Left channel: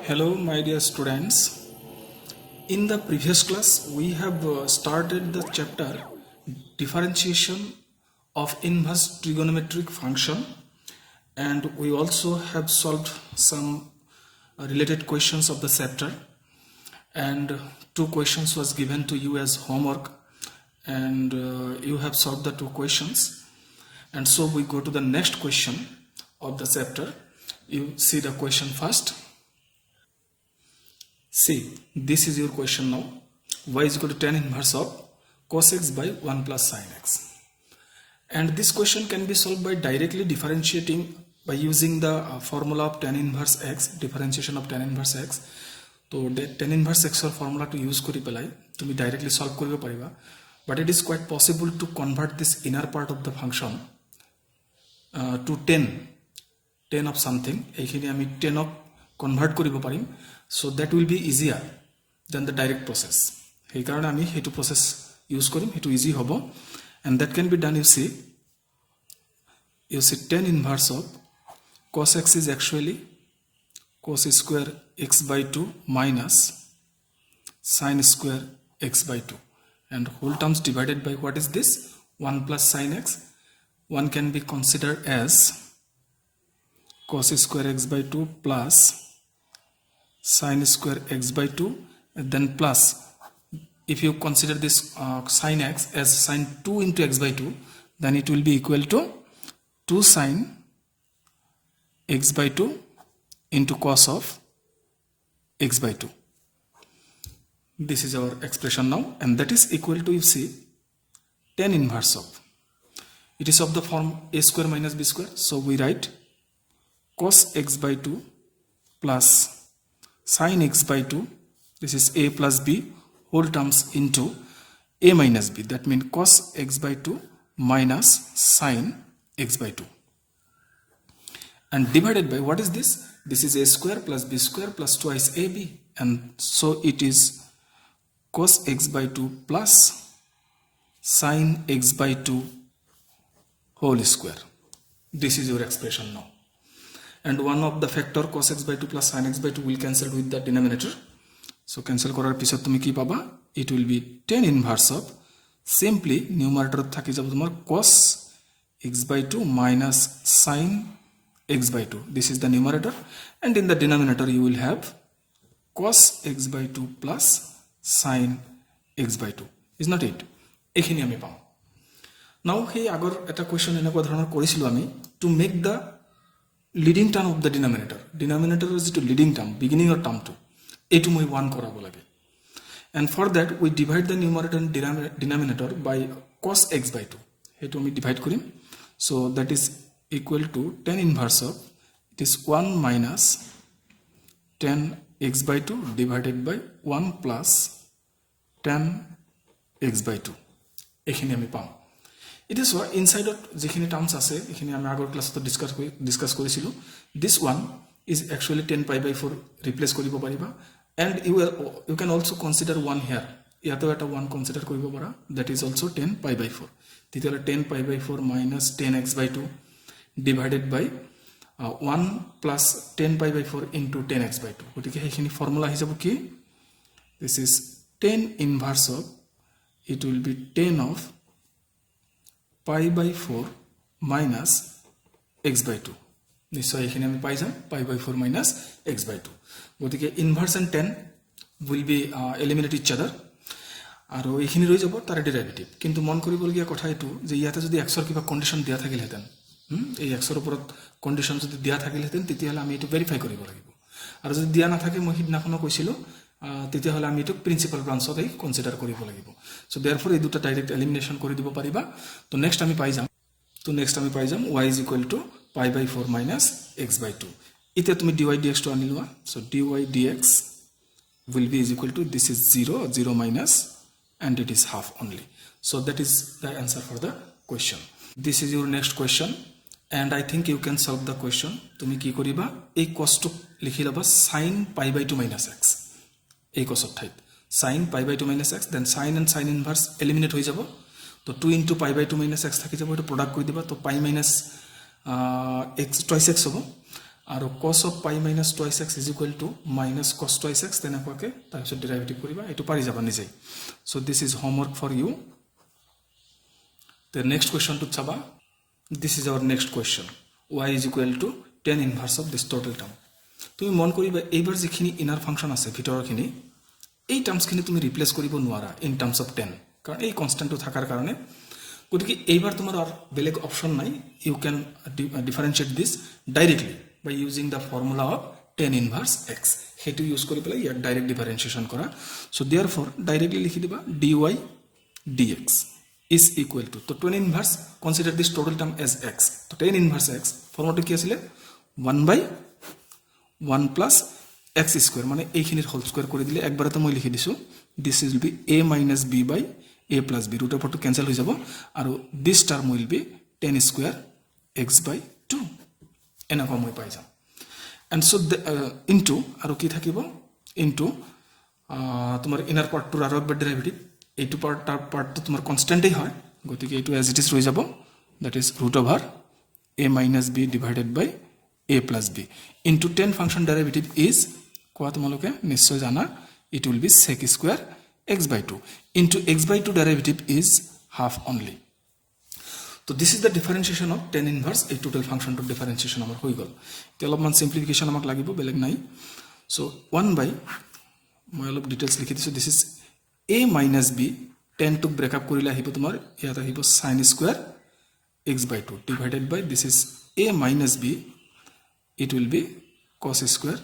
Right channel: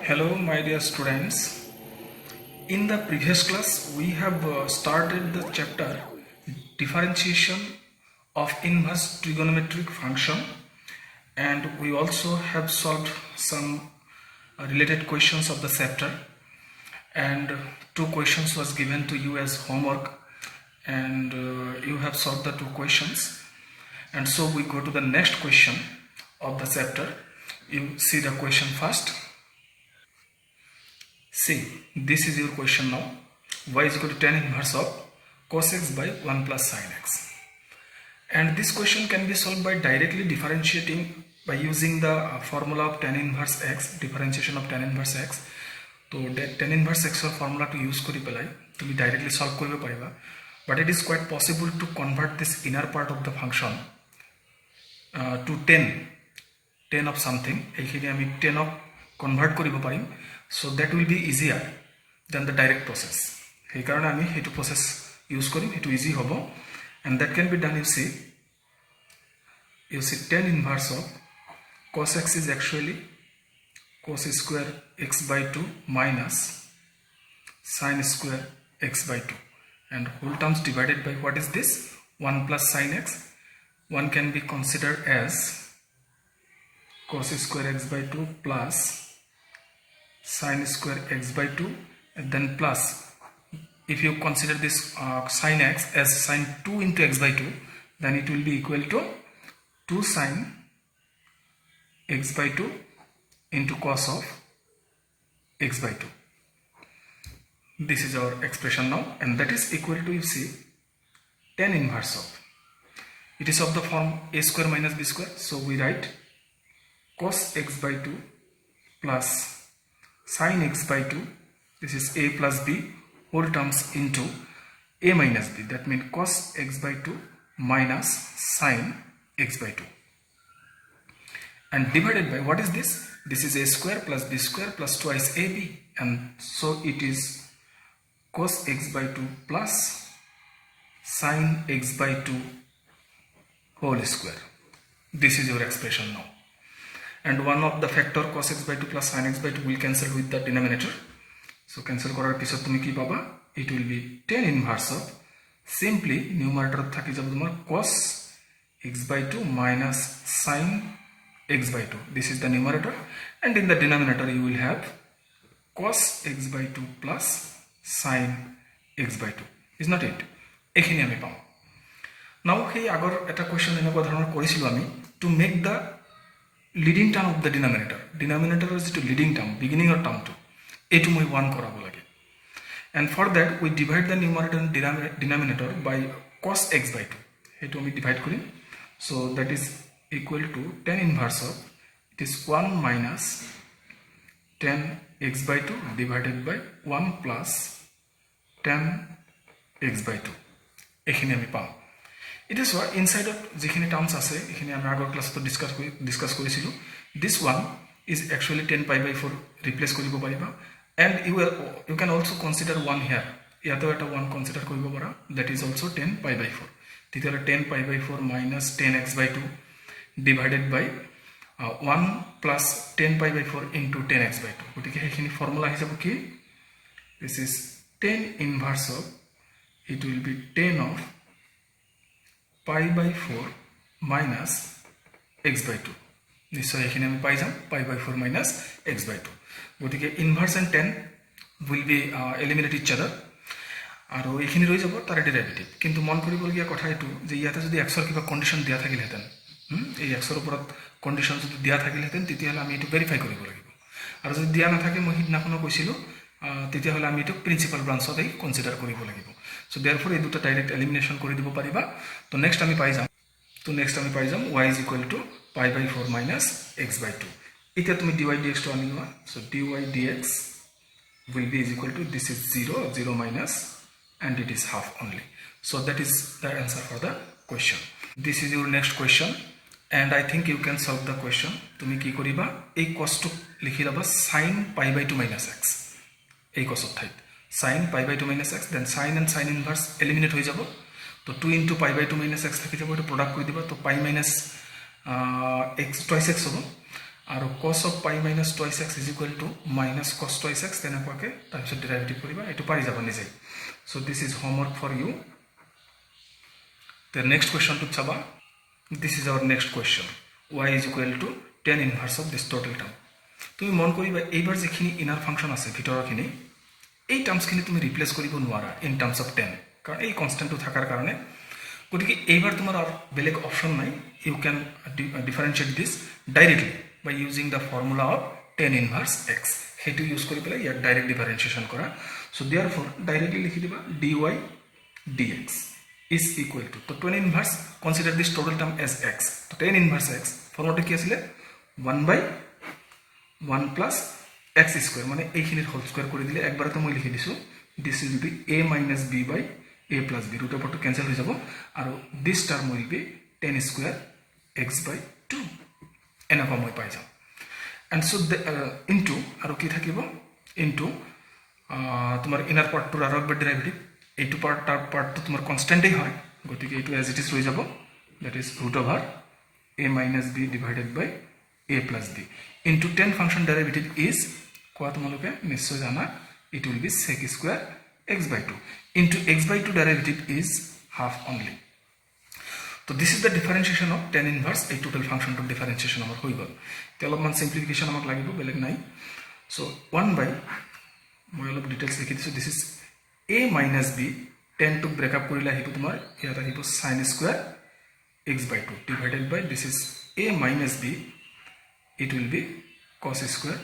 Hello, my dear students. In the previous class, we have started the chapter differentiation of inverse trigonometric function, and we also have solved some related questions of the chapter. And two questions was given to you as homework, and you have solved the two questions. And so we go to the next question of the chapter. You see the question first. See, this is your question now. Y is equal to tan inverse of cos x by 1 plus sin x. And this question can be solved by directly differentiating by using the formula of tan inverse x, differentiation of tan inverse x. So tan inverse x or formula to use kori pelai tumi directly solve koribo pariba. But it is quite possible to convert this inner part of the function to 10 of something. Ekhini ami 10 of convert koribo parim. So that will be easier than the direct process. Hey karone ami hetu process use korim, hetu easy hobo, and that can be done. You see tan inverse of cos x is actually cos square x by 2 minus sin square x by 2, and whole terms divided by what is this 1 plus sin x. One can be considered as cos square x by 2 plus sin square x by 2, and then plus, if you consider this sin x as sin 2 into x by 2, then it will be equal to 2 sin x by 2 into cos of x by 2. This is our expression now, and that is equal to, you see, tan inverse of, it is of the form a square minus b square, so we write cos x by 2 plus sin x by 2, this is a plus b whole terms into a minus b, that means cos x by 2 minus sin x by 2, and divided by what is this? This is a square plus b square plus twice ab, and so it is cos x by 2 plus sin x by 2 whole square. This is your expression now. And one of the factor cos x by 2 plus sin x by 2 will cancel with the denominator. So cancel korar pisot tumi ki paba? It will be tan inverse of, simply numerator thaki jabo tomar cos x by 2 minus sin x by 2. This is the numerator, and in the denominator you will have cos x by 2 plus sin x by 2. Is not it? Ekhini ami pam. Now hey agor eta question eneko dhoroner korisilo ami to make the leading term of the denominator is to leading term, beginning or term to etu moi 1 korabo lage, and for that we divide the numerator and denominator by cos x by 2. Etu ami divide korim, so that is equal to tan inverse of, it is 1 minus tan x by 2 divided by 1 plus tan x by 2. Ekhini ami pam. It is what inside of jekhini terms ase ekhini ami agor class to discuss korisilu. This one is actually 10 pi by 4 replace koribo pariba, and you can also consider 1 here. Yato eta 1 consider koribo para, that is also 10 pi by 4. Titela 10 pi by 4 minus 10 x by 2 divided by 1 plus 10 pi by 4 into 10 x by 2. Gotike ekhini formula hisabo ki, this is tan inverse of, it will be 10 of pi by 4 minus x by 2. Nishchoy ekhini ami pai jam pi by 4 minus x by 2. Gotike inverse and tan will be eliminate each other, aru ekhini roi jabo tar derivative. Kintu mon koribolia kotha etu je iate jodi x or kiba condition dia thakile heten, ei x or oporot condition jodi dia thakile heten, teti hole ami etu verify koribo lagibo. Aru jodi dia na thake moi hidna kono koisilo, teti hole ami etu principal branch ot consider koribo lagibo. So therefore ei duta direct elimination kori dibo pariba. To next ami pai jam y is equal to pi by 4 minus x by 2. Ite tumi dy dx to anilwa, so dy dx will be is equal to, this is 0 minus, and it is half only. So that is the answer for the question. This is your next question, and I think you can solve the question. Tumi ki koriba, ei cos to likhi laba sin pi by 2 minus x, ei cos of thait sin pi by 2 minus x, then sin and sin inverse eliminate hoi jabo. तो 2 into pi by 2 minus x থাকি যাব, এটা product করে দিবা, তো pi minus x twice x হবো, আৰু cos of pi minus twice x is equal to minus cos twice x তেনেকুৱাকৈ তাৰপিছত ডেৰিভেটিভ কৰিবা এইটো পাৰি যাব নিজে so this is homework for you the next question to chaba this is our next question y is equal to tan inverse of this total term তুমি মন কৰিবা এইবাৰ যিখিনি ইনাৰ ফাংচন আছে ভিতৰৰখিনি এই টাৰ্মছখিনি তুমি ৰিপ্লেস কৰিব নোৱাৰা ইন টাৰ্মছ অফ tan কাৰণ এই কনস্ট্যান্টটো থাকাৰ কাৰণে গতিকে এইবাৰ তোমাৰ আর বেলেগ অপশন নাই you can differentiate this directly by using the formula of tan inverse x হেতু ইউজ কৰি পেলাই ইয়াক ডাইৰেক্ট ডিফাৰেন্সিয়েশন কৰা so therefore directly লিখি দিবা dy dx is equal to তো tan inverse consider this total term as x তো tan inverse x ফর্মুলাটা কি আছিল 1 by 1 plus x square মানে এইখিনিৰ হোল স্কয়াৰ কৰি দিলে একবাৰতে মই লিখি দিছো this will be a minus b by a plus b root over to cancel হৈ যাব আৰু this term will be tan square x by 2 এনেকুৱা মই পাই যাম and so the into আৰু কি থাকিব into তোমাৰ ইনাৰ পাৰ্টটো আৰু একবাৰ ডেৰিভেটিভ এইটো পাৰ্টটো তোমাৰ কনস্ট্যান্টই হয় গতিকে এইটো as it is ৰৈ যাব that is root over a minus b divided by a plus b into tan function derivative is কোৱা তোমালোকে নিশ্চয় জানা it will be sec square x by 2 into x by 2 derivative is half only so this is the differentiation of tan inverse a total function to differentiation amar hoi gol te alopman simplification amak lagibo beleg nai so 1 by moi alop details likhi disu this is a minus b tan to break up korile ahibo tumar iata ahibo sin square x by 2 divided by this is a minus b it will be cos square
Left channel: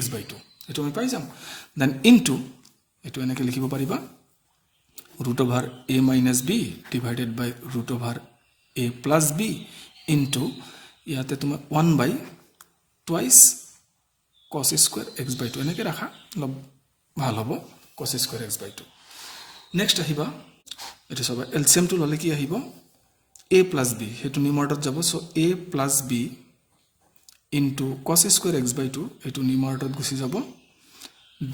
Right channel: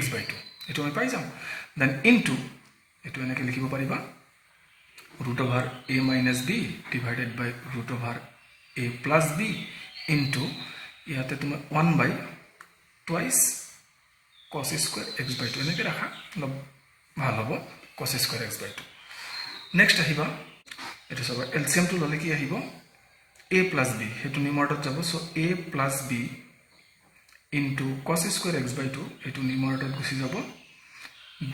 x by 2 eto moi pai jam then into eto enake likhibo pariba root over a minus b divided by root over a plus b into ইয়াতে তোমার 1 by twice cos square x by 2 এনেকে রাখা ভাল হ'ব cos square x by 2 next আহিবা এটা সব LCM two ললে কি আহিব a plus b হেতু নিউমারেটর যাব so a plus b into cos square x by 2 হেতু নিউমারেটর গুছি যাব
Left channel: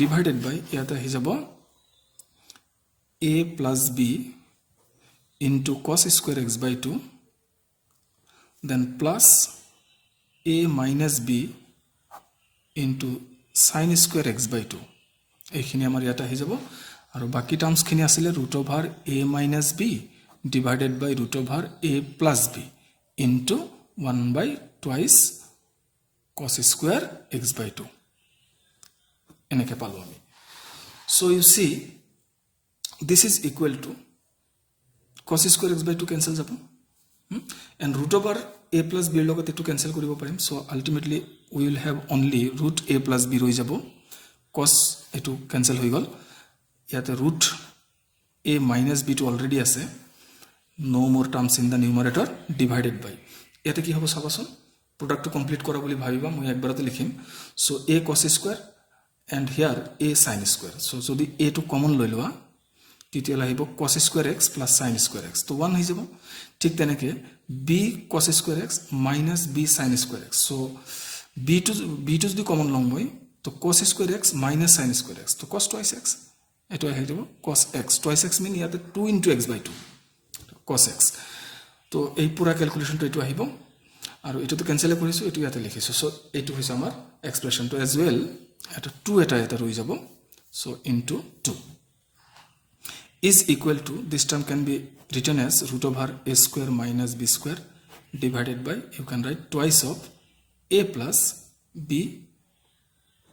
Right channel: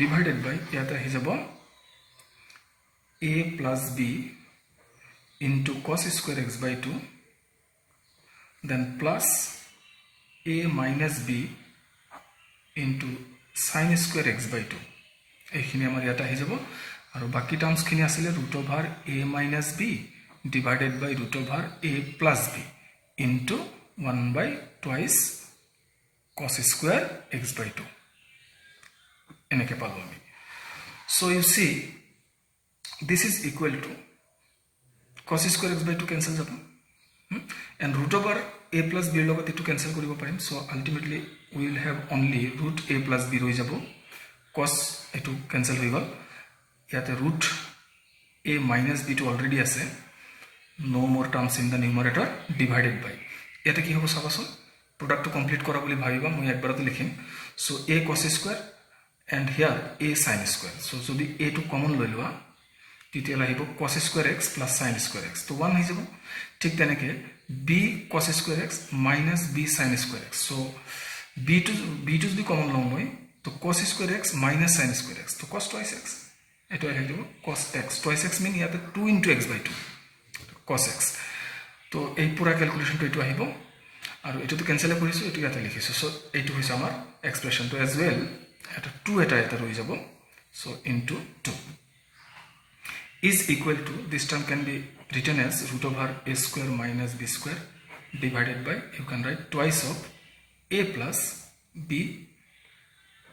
ডিভাইডেড বাই ইয়াতে আহি যাব a plus b into cos square x by 2 then plus a minus b into sin square x by 2 এইখিনি আমাৰ ইয়াতে আহি যাব আৰু বাকি টার্মস খিনি আছিল root over a minus b divided by root over a plus b into 1 by twice cos square x by 2 এনেকে পালো আমি so you see this is equal to cos square x by 2 cancel যাব and root over a plus b লগত এটো cancel কৰিব পাৰিম so ultimately we will have only root a plus b ৰৈ যাব cos এটো cancel হৈ গল ইয়াতে root a minus b to already আছে no more terms in the numerator divided by ইয়াতে কি হ'ব চাবাচোন product to complete কৰা বুলি ভাবিবা মই একবাৰতে লিখিম so a cos square and here a sin square so যদি a to common লৈ লোৱা তিতিয়ালা আহিব cos square x plus sin square x তো 1 হৈ যাব ঠিক তেনেকে b cos square x minus b sin square x so b to যদি কমন লম মই তো cos square x minus sin square x তো cos twice x এটো হৈ যাব cos x twice x mean ইয়াতে 2 into x by 2 cos x তো এই পুরা ক্যালকুলেশনটো এটো আহিব আৰু এটো তো ক্যান্সেল কৰিছো এটো ইয়াতে লিখিছো সো এটো হৈছে আমাৰ এক্সপ্ৰেশন তো as well এটা 2 এটা ৰৈ যাব so into 2 is equal to this term can be written as root over a square minus b square divided by you can write twice of a plus b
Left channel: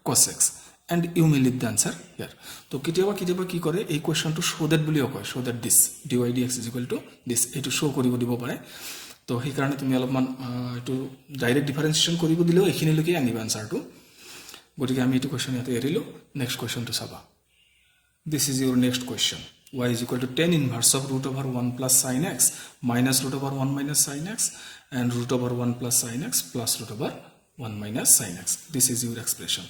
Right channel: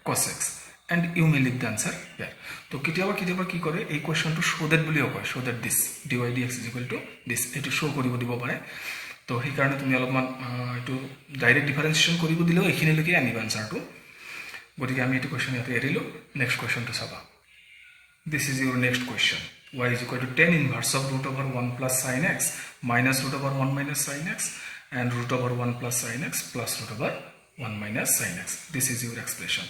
cos x and you may leave the answer here to kitiaba ki kore ei question to show that buliyo koy show that this dy dx is equal to this eto show koribo dibo pare to he karone tumi alopman eto direct differentiation koribo dilo ekhini loke aniba answer to gotike ami eto question yate erilo next question to saba this is your next question y is equal to tan inverse of root over 1 plus sin x minus root over 1 minus sin x and root over 1 plus sin x plus root over 1 minus sin x this is your expression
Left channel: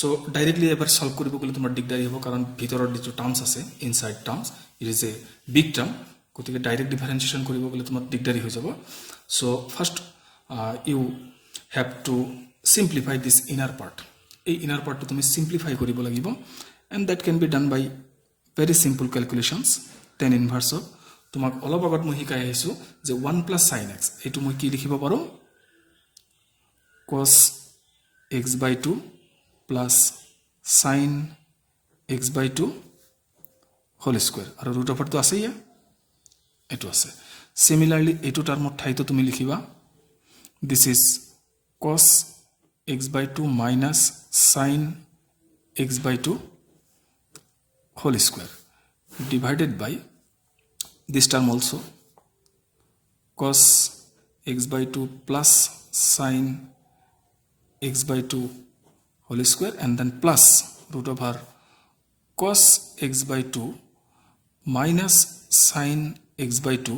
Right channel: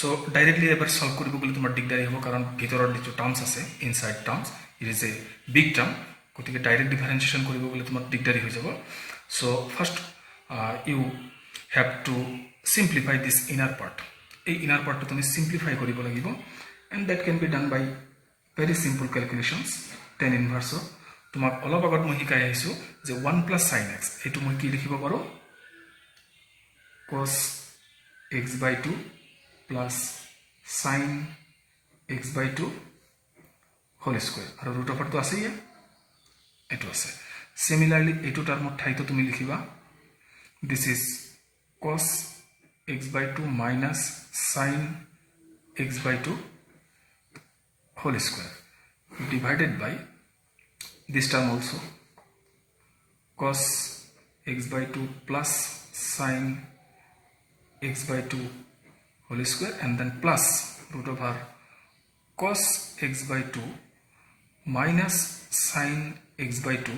so directly ever solve koribo gole tomar digdari hobo karon bhitoror je terms ase inside terms it is a big term gotike direct differentiation koribo gole tomar digdari hoy jabo so first you have to simplify this inner part ei inner part to tumi simplify koribo lagibo and that can be done by very simple calculations tan inverse of তোমাক অলপ আগত মই শিকাই আহিছো যে 1 plus sin x এটো মই কি লিখিব পাৰো cos x/2 plus sin x/2 whole square আর রুট ওভার তো আছেই এইটো আছে সিমিলারলি এইটো টার্মত ঠাইতো তুমি লিখিবা this is cos x/2 minus sin x/2 whole square divided by this term also cos x/2 plus sin x/2 whole square and then plus root over cos x/2 minus sin x/2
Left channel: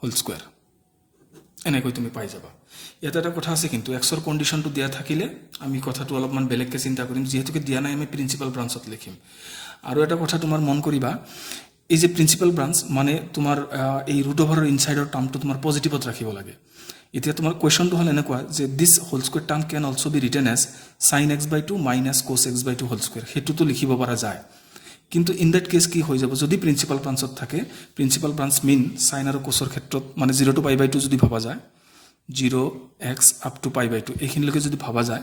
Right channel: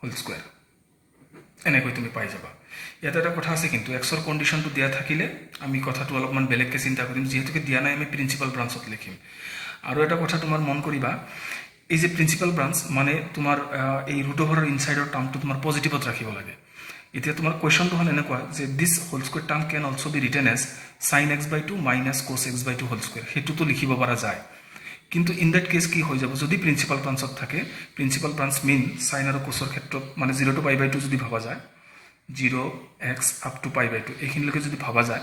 whole square এনেকৈ তুমি পাই যাবা ইয়াতে এটা কথা আছে কিন্তু এক্সৰ কন্ডিশনটো দিয়া থাকিলে আমি কথাটো অলপমান বেলেগকৈ চিন্তা কৰিম যেহেতুকে দিয়া নাই আমি প্ৰিন্সিপাল ব্ৰাঞ্চত লিখিম আৰু এটা কথা তোমাৰ মন কৰিবা এই যে প্ৰিন্সিপাল ব্ৰাঞ্চ মানে তোমাৰ এই ৰুট ওভাৰৰ ইনসাইডৰ টাৰ্মটো তোমাৰ পজিটিভত ৰাখিব লাগে এতিয়া তোমাৰ কোৱেশ্চনটো হ'ল এনেকুৱা যে this whole square term can also be written as sin x/2 minus cos x/2 whole square হেতুটো লিখিব পৰা যায় কিন্তু ইন দ্যাট কেস কি হৈ যাব যদি প্ৰিন্সিপাল ব্ৰাঞ্চত থাকে প্ৰিন্সিপাল ব্ৰাঞ্চ মিন sin আৰু cosৰ ক্ষেত্ৰত মানে 0 to π/2 যদি ভাবা যায় 0x up to π/2 এইখিনিলৈকে যদি ভাবা যায়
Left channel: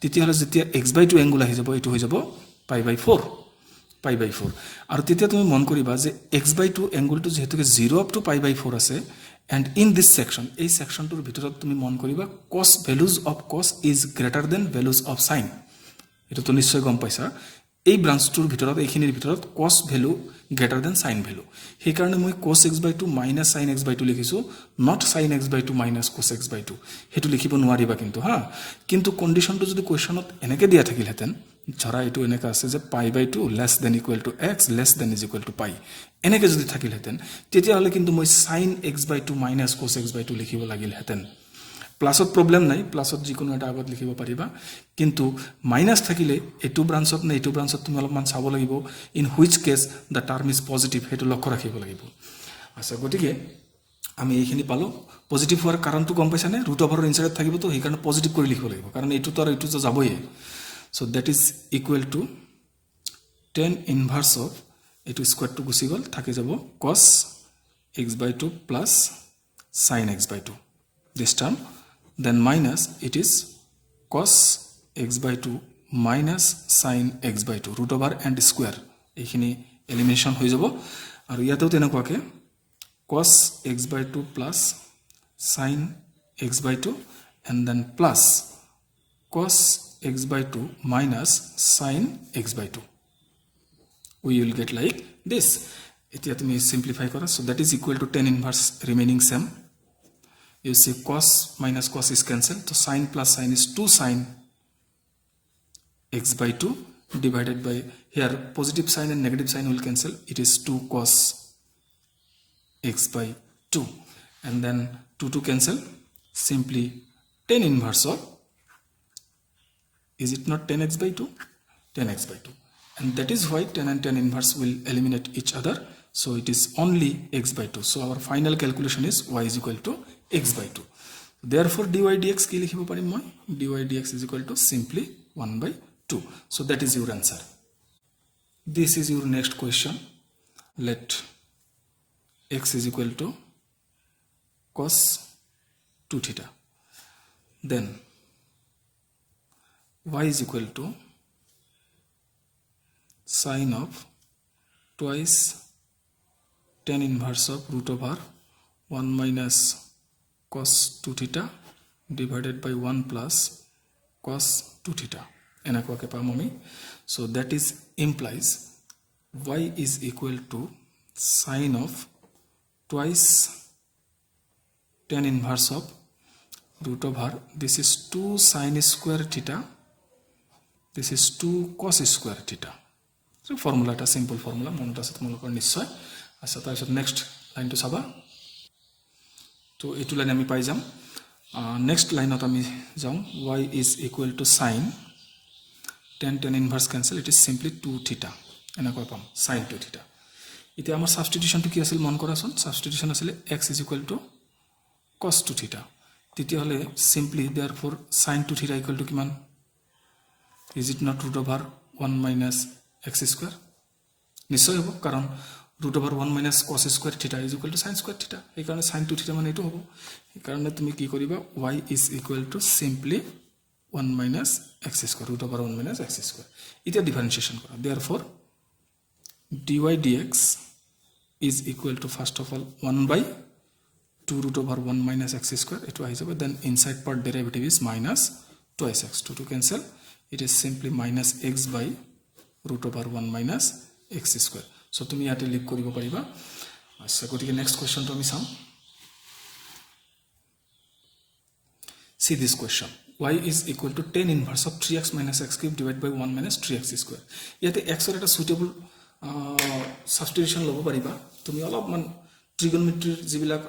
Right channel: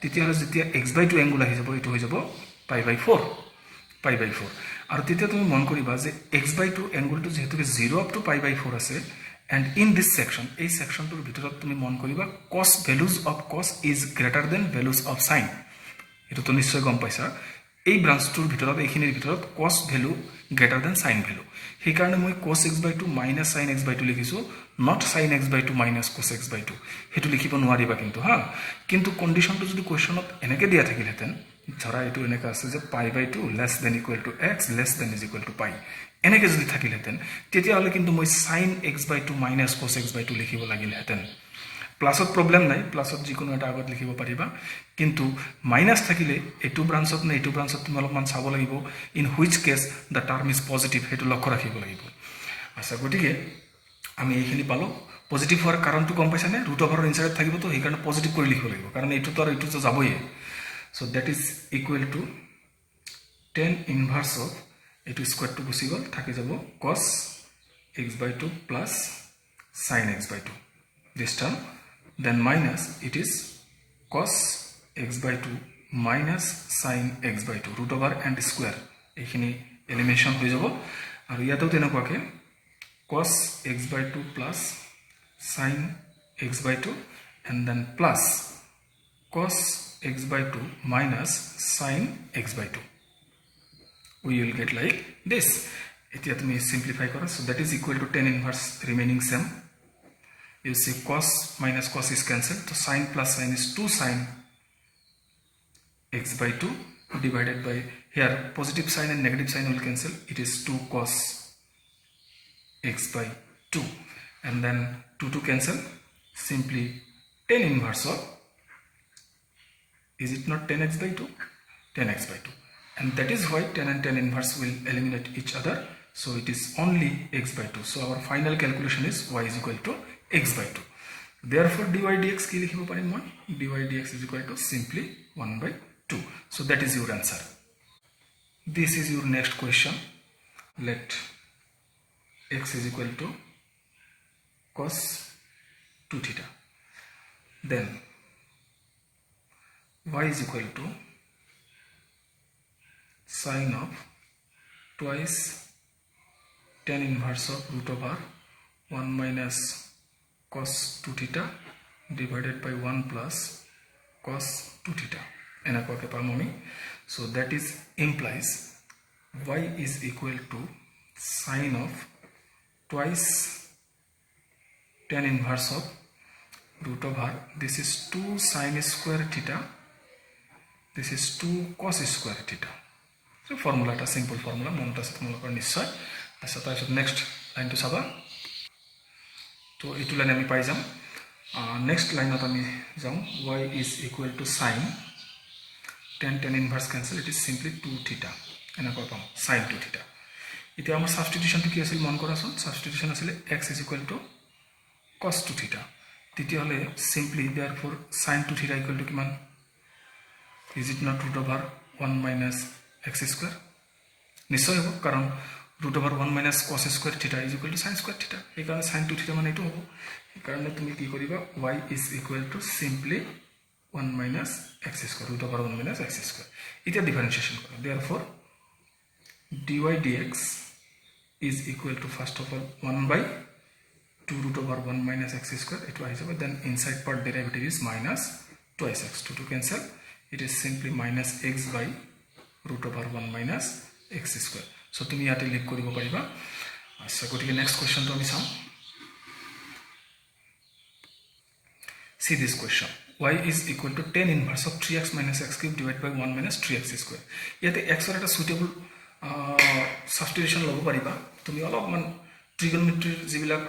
তেতিয়াহ'লে যেতিয়া x/2 এংগুল আহি যাব এইটো হৈ যাব π/4 আৰু তেতিয়া তুমি মন কৰিবা যে x/2 এংগুলটো যেহেতুকে 0 up to π/4 আছে and in this section এই সেকশনটোৰ ভিতৰত তুমি মন কৰিবা cos values of cos is greater than values of sin এটো তো নিশ্চয় গম পাইছা এই ব্ৰাঞ্চটোৰ ভিতৰত এইখিনিৰ ভিতৰত cos value greater than sin value সেই কাৰণে মই cos x/2 minus sin x/2 লিখিছো not sin x/2 minus cos x/2 হেতু লিখিব নোৱাৰিবা কিন্তু কন্ডিশনটো যদি কোৱেশ্চনত এনেকে দিয়া থাকিলহেতেন ধৰা এটো এনেকা আছে যে π/2 less than equal to x less than is equal to pi এনেকে যদি থাকিলহেতেন তেতিয়া হলে কিন্তু মই sin x/2 minus cos x/2 লিখিব লাগিলহেতেন প্লাসত প্রবলেম নাই প্লাসত যিকোনো এটা আগত লিখিব পাৰিবা কিন্তু মাইনাস থাকিলে এটো ব্ৰাঞ্চত না এটো ব্ৰাঞ্চত তুমি অলপমান চাব লাগিব in which case the term is positive হেতু লক্ষ্য ৰাখিব লাগিব আচ্ছা গতিকে আমি এইখিনি পালো পজিটিভ হোৱাৰ কাৰণটো গম পাইছানে ৰুট ওভাৰৰ ইনসাইড থাকিব তো সেই কাৰণে পজিটিভ কৰি লিখিব লাগিব কাৰণ এটো তো আৰু এটো তো যাবই so that is equal to tan inverse of এটো স্কয়ার টু গুছি গল থাকি যাব cos x/2 plus sin x/2 this term then minus it is cos x/2 minus sin x/2 root over and square এইখিনি এলিমিনেশন হৈ যাব আৰু ইয়াতেও তেনেকুৱাকে cos x/2 plus sin x/2 and then plus cos x/2 minus sin x/2 we will get like this এতিয়া তুমি simplify কৰা so that is equal to tan inverse remaining same you see cos minus cos is cancelled so sin plus sin is 2 sin x/2 divided by here positive sign and negative sign will cancel it is 2 cos x/2 and then 2 cancel simply tan inverse of is it not 10x/2 10x/2 and that is why tan and tan inverse will eliminate each other so it is only x/2 so our final calculation is y is equal to x/2 therefore dy dx কি লিখিব পাৰিম মই dy dx is equal to simply 1/2 so that is your answer this is your next question let x is equal to cos 2 theta then y is equal to sin of twice tan inverse of root over 1 minus cos 2 theta divided by 1 plus cos 2 theta এনেকুৱাকে পাম আমি so that is implies y is equal to sin of twice tan inverse of root over this is 2 sin square theta this is 2 cos square theta so formula ta simple formula মনত আছে তোমালোকৰ নিশ্চয় আচ্ছা তাৰপিছত next লাইনটো চাবা তো এইটো লাইন আমি পাই যাম নেক্সট লাইনত আমি যাম y is equal to sin tan inverse cancel it is simply 2 theta এনেকুৱা পাম sin 2 theta এতিয়া আমাৰ সাবস্টিটিউশনটো কি আছিল মন কৰাছোন সাবস্টিটিউশন আছিল x is equal to cos 2 theta তেতিয়া হলে simply therefore sin 2 theta equal to কিমান is it not root over 1 minus x square নিশ্চয় হ'ব কাৰণ root over 1 minus cos square theta is equal to sin square theta এই কাৰণে sin 2 theta মানে এটো হ'ব এই কাৰণে তুমি কি কৰিবা y is equal to simply 1 minus x square, root over 1 minus x square. इतना differentiation करो. Therefore, dy dx is equal to first of all 1 by 2 root over 1 minus x square. It was over. Then inside part derivative is minus twice x. 2 to cancel. It is simply minus x by root over 1 minus x square. So তুমি ইয়াতে লিখ কৰিব পাৰিবা. আচ্ছা গতিকে next কোৱেশ্চনটো আমি চাওঁ. See this question. Y is equal to tan inverse of 3x minus x cube divided by 1 minus 3x square. ইয়াতে x এর একটা সুইটেবল সাবস্টিটিউশন ল'ব পাৰিবা. তুমি অলপমান ট্ৰিগনমেট্ৰিৰ যিবিলাক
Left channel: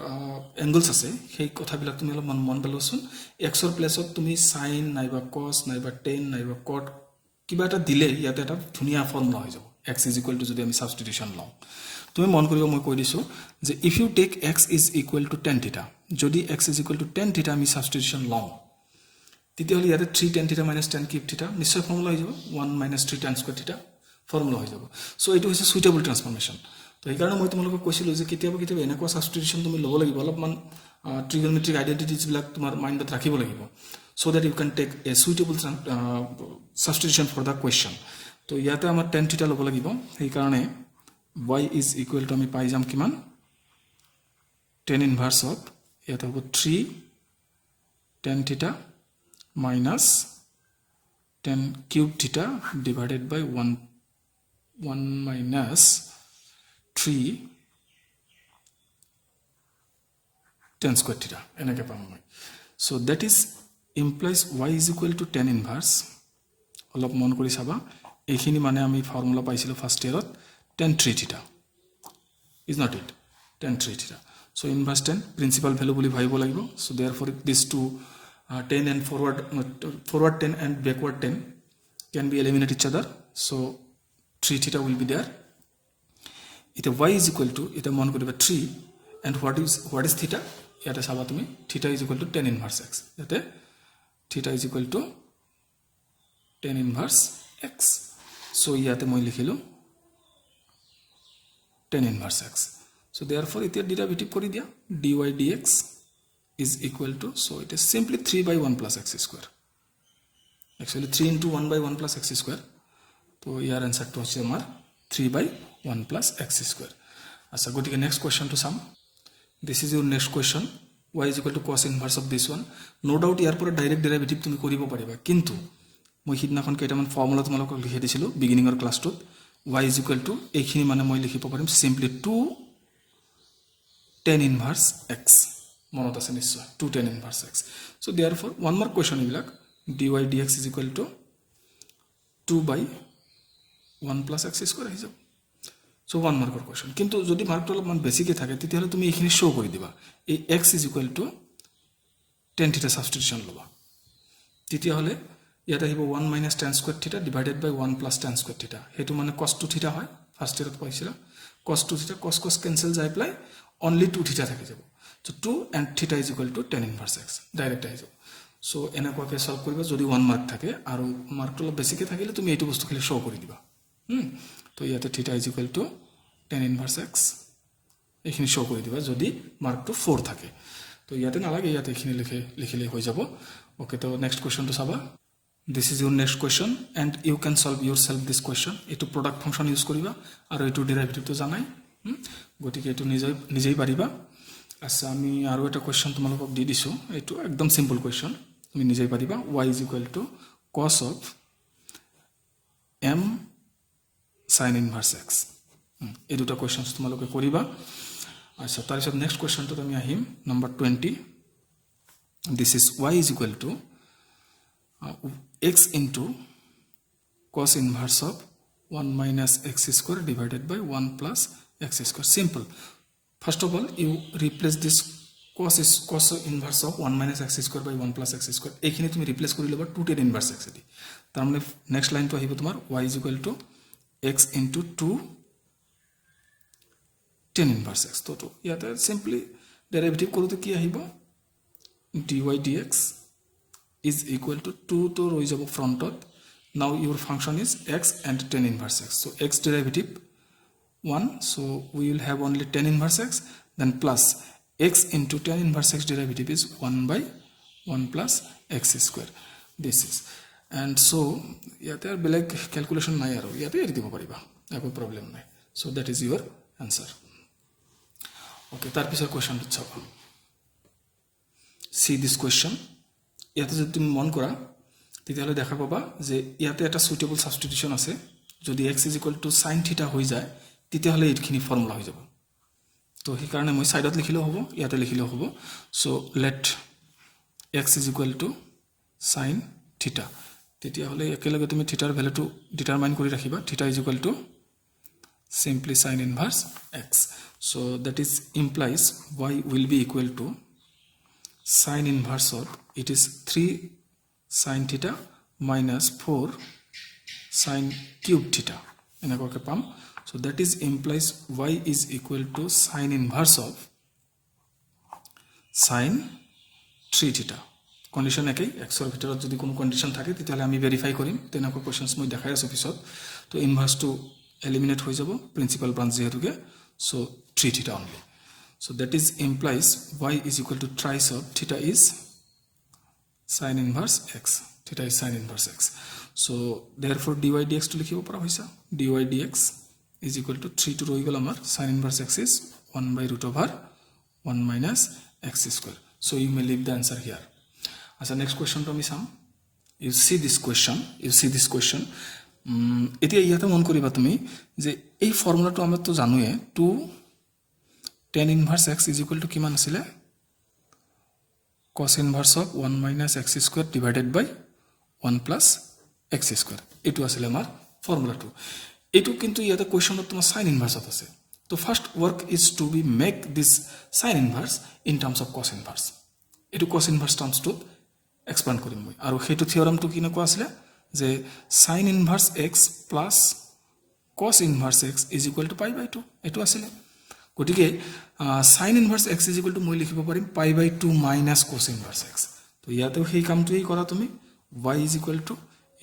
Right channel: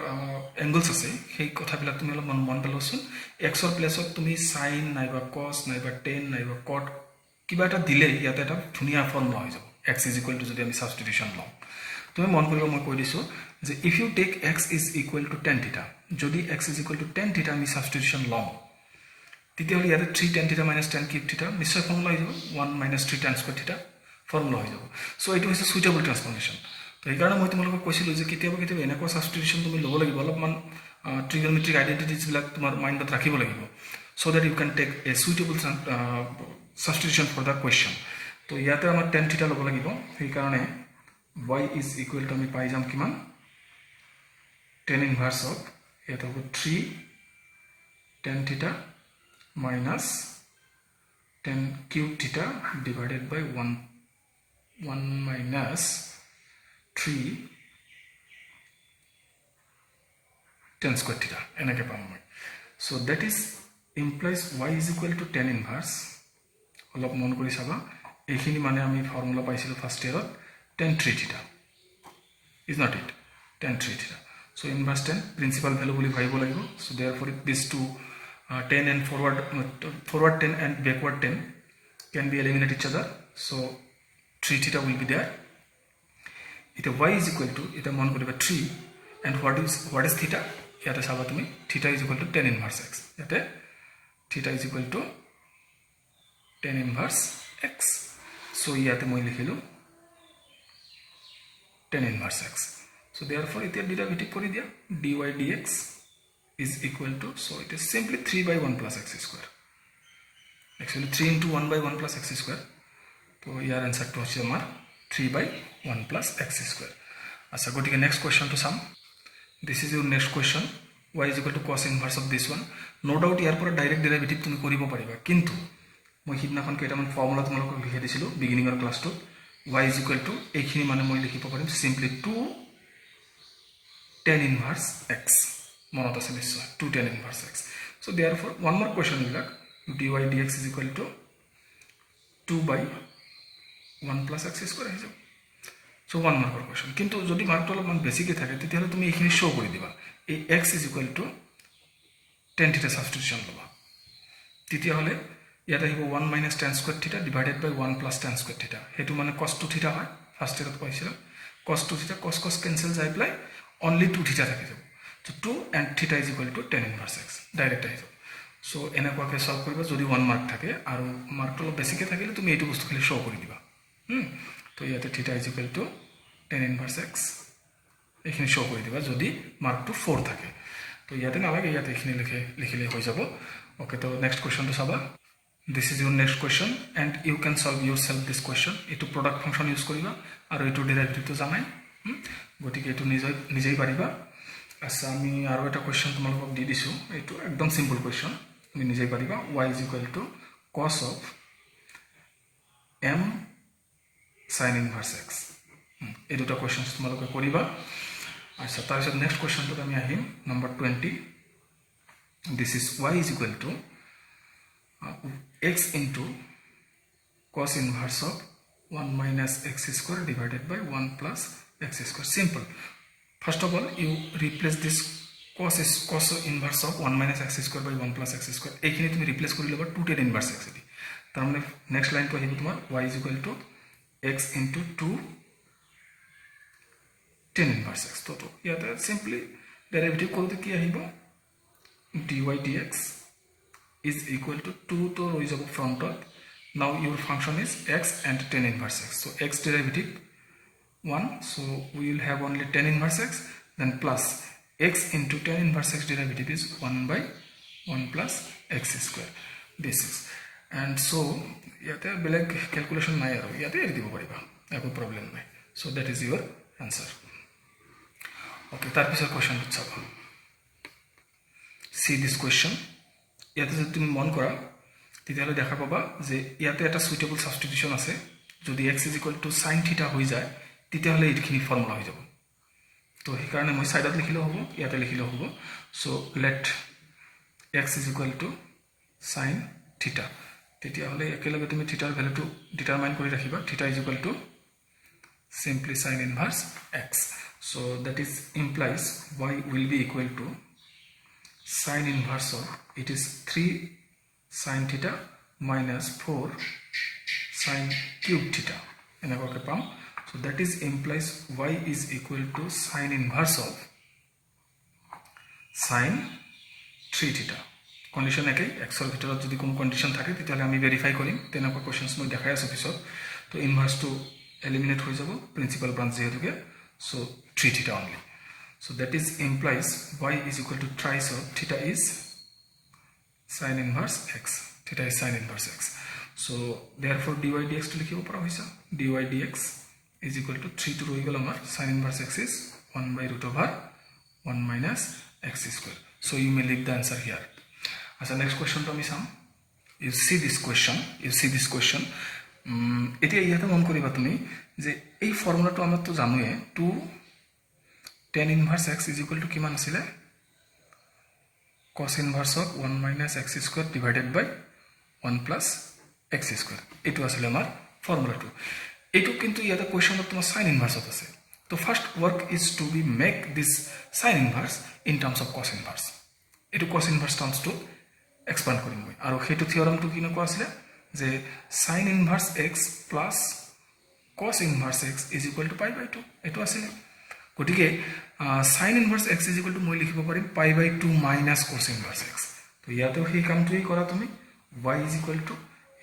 এংগলছ আছে সেই কথাবিলাক তুমি অলপমান মন পেলোৱাচোন. এক্সৰ প্লেছত তুমি সাইন নাইবা কস নাইবা টেন নাইবা কট কিবা এটা দিলে ইয়াতে এটা ধুনীয়া ফৰ্মুলা হৈ যাব. এক্স ইজ ইকুৱেল টু যদি আমি সাবস্টিটিউশন লওঁ তুমি মন কৰিব মই কৈ দিছোঁ যে if you take x is equal to tan theta, যদি x is equal to tan theta আমি সাবস্টিটিউশন লওঁ তেতিয়াহ'লে ইয়াতে 3 tan theta minus ten cube থিটা নিশ্চয় ফৰ্মুলা হৈ যাব 1 মাইনাছ 3 টেন স্কুৱেৰ থিটা ফৰ্মুলা হৈ যাব. চ' এইটো হৈছে সুইটেবল ট্ৰান্সফৰ্মেশ্যন. তো সেইকাৰণে মই তোমালোকক কৈছিলোঁ যে কেতিয়াবা কেতিয়াবা এনেকুৱা সাবস্টিটিউশন তুমি ল'ব লাগিব, অলপমান ট্ৰিগনমেট্ৰিক আইডেণ্টিটিজবিলাক তোমাৰ মাইণ্ডত ৰাখিব লাগিব so' that you can take a suitable substitution for the question. তো ইয়াতে আমাৰ টেন থিটা ল'ব লাগিব. সেইকাৰণে y ইজ ইকুৱেল টু আমি পাই যাম কিমান টেন ইনভাৰ্চ অফ ইয়াতে হ'ব 3 tan theta minus 10 cube theta divided by 1 minus 3 10 square theta এনেকে পাম মই. So that is implies y is equal to 10 inverse. অলপ মন কৰি চাবা এইখিনি মানে আমি ফৰ্মুলা পাইছিলোঁ first ইয়াৰত tan 3 theta is not it tan 3 theta. So inverse 10 principal value বুলি ভাবিব লাগিব. So therefore these two 10 and forward 10 and backward 10 can be eliminate each other. So 3 theta will be there. It y is equal to it mon koriba 3 and what is theta? Yate saba tumi theta is equal to 10 inverse x. Yate theta is equal to 10 inverse x. So yate moi likhilu 10 inverse x. So therefore it derivative kori dia dy dx is equal to, so it is simply 3 by 1 plus x square. Actually 3 into 1 by 1 plus x square. So here answer to hoche amar 3 by 1 plus x square. Acha gotike next question to sum. This is your next question. Y is equal to cos inverse of this one. No doubt ইয়াৰ পৰা direct derivative তুমি কৰিব পাৰিবা, কিন্তু মই হিদিনাখন কেইটামান formula তোমালোকক লিখি দিছিলোঁ বিগিনিঙৰ ক্লাছটোত. y is equal to এইখিনি মানে মই লিখিব পাৰিম simply 2 tan inverse x. মনত আছে নিশ্চয় 2 tan inverse x. So therefore one more question এইবিলাক dy dx is equal to 2 by 1 plus x square আহি যাব. So one more question. কিন্তু যদি মাৰ্কটো অলপমান বেছিকৈ থাকে তেতিয়াহ'লে তুমি এইখিনি শ্ব' কৰি দিবা এই x is equal to tan theta substitution ল'বা. তেতিয়াহ'লে ইয়াত আহিব 1 minus tan square theta divided by 1 plus tan square theta. সেইটো মানে cos 2 theta হয়. ফাৰ্ষ্ট ইয়াৰত পাইছিলা cos 2 theta cos cancel যাই পেলাই only 2 theta থাকি যাব. So 2 and theta is equal to tan inverse x. Direct আহিব. So এনেকুৱাকৈ সলভ কৰিবা যদি 1 মাৰ্ক থাকে আৰু মাৰ্কটো অলপ বেছিকৈ থাকিলে তুমি এইটো বস্তু খালি শ্ব' কৰি দিবা. তো ইয়াতে theta is equal to tan inverse x এইখিনি শ্ব' কৰি দিবা যদি মাৰ্কটো 4 থাকে. তো ইয়াতে নালাগে ইয়াতে এইখিনি লিখিলে হৈ যাব. ওকে, তো নেক্সট কুৱেশ্যনটো চাবা. This is your next question and you can solve yourself this question. এইটো প্ৰডাক্ট ফাংচন ইউজ কৰিবা আৰু এইটো ডেৰিভেটিভটো জানাই, গতিকে এইটো নিজেই পাৰিবা. আচ্ছা, আমি আৰু এটা কুৱেশ্যন তোমালোকক দি দিছোঁ. এইটো একদম চিম্পল কুৱেশ্যন, তুমি নিজেই পাৰিবা. y is equal to cos of m sin inverse x. এই দুটা কুৱেশ্যন তোমালোকে কৰিবা. আচ্ছা, তাৰপিছত নেক্সট কুৱেশ্যনটোত আমি আহিম number 20. This is y is equal to x into cos inverse of 1 minus x square divided by 1 plus x square. Simple. First of all, you replace this cos inverse of 1 minus x square by 1 plus x square. এইখিনি তুমি replace কৰি লবা 2 tan inverse x দি. তাৰ মানে next লাইনটো আহিব তোমাৰ y is equal to x into 2 tan inverse x. তো ইয়াতে সিম্পলি ডেরিভেটিভ কৰোতে কি আহিব dy dx is equal to 2 to rho is above frontot. Now your function is x and tan inverse x. So x derivative 1, so we will have only tan inverse x, then plus x into tan inverse x derivative is 1 by 1 plus x square. This is and so' ইয়াতে বেলেগ calculation নাই আৰু ইয়াতে এৰি দিব পাৰিবা একো problem নাই so' that is your answer okay তাৰপিছত কুৱেশ্যনটোত চাবা চি দিছ কুৱেশ্যন ইয়াতে যদি তুমি মন কৰা তেতিয়াহ'লে দেখা পাবা যে ইয়াতে এটা সুইটেবল ছাবষ্টিটিউশ্যন আছে যদি x is equal to sine থিটা হৈ যায় তেতিয়াহ'লে এইখিনি ফৰ্মুলা হৈ যাব তো সেইকাৰণে মই ছাইডত লিখিলেও হ'ব ইয়াতে লিখিলেও হ'ব so' let x is equal to sine theta তেতিয়াহ'লে একেলগে তুমি থিটাৰ ভেলুটো ডিটাৰমাইন কৰি ৰাখিবা থিটা is equal two simply sin inverse x so that is implies y will be equal to sin inverse of it is 3 sin theta minus 4 sin cube theta enakake pam so that is implies y is equal to sin inverse of sin 3 theta condition ekei x or bhitorot jodi kono condition thake titale ami verify korim tenako questions moi dekhai asu pisot to inverse to eliminate হৈ যাব principal branch যেহেতুকে so 3 থিটা only so that is implies y is equal to thrice of theta is sin inverse x theta is sin inverse x so therefore dy dx to লিখিব পৰা হৈছে dy dx is equal to 3 to ৰৈ গল আমাৰ sin inverse x is 1 by root over 1 minus x square so you may leave the answer here as a next question to আমি চাম you see this question এতিয়া ইয়াতে মন কৰিবা তুমি যে এই ফৰ্মুলাটো আমি তো জানোৱে 2 tan inverse x is equal to কিমান আছিল cos inverse of 1 minus x square divided by 1 plus x square এটো আছিল আমাৰ ফৰ্মুলাটো এটো কিন্তু ইয়াতে কোৱেশ্চনত তোমাৰ sin inverse আছে তো first work is to be make this sin inverse in terms of cos inverse এটো cos inverse terms to expand কৰিম মই আৰু হেতু থিওৰামটো কি নকোৱা আছিল যে sin inverse x plus cos inverse x is equal to pi by 2 এটো আছিল গটিকে sin inverse x is equal to মই লিখিব পাৰিম pi by 2 minus cos inverse x তো ইয়াতে সেই কামটোই কৰা তুমি y is equal to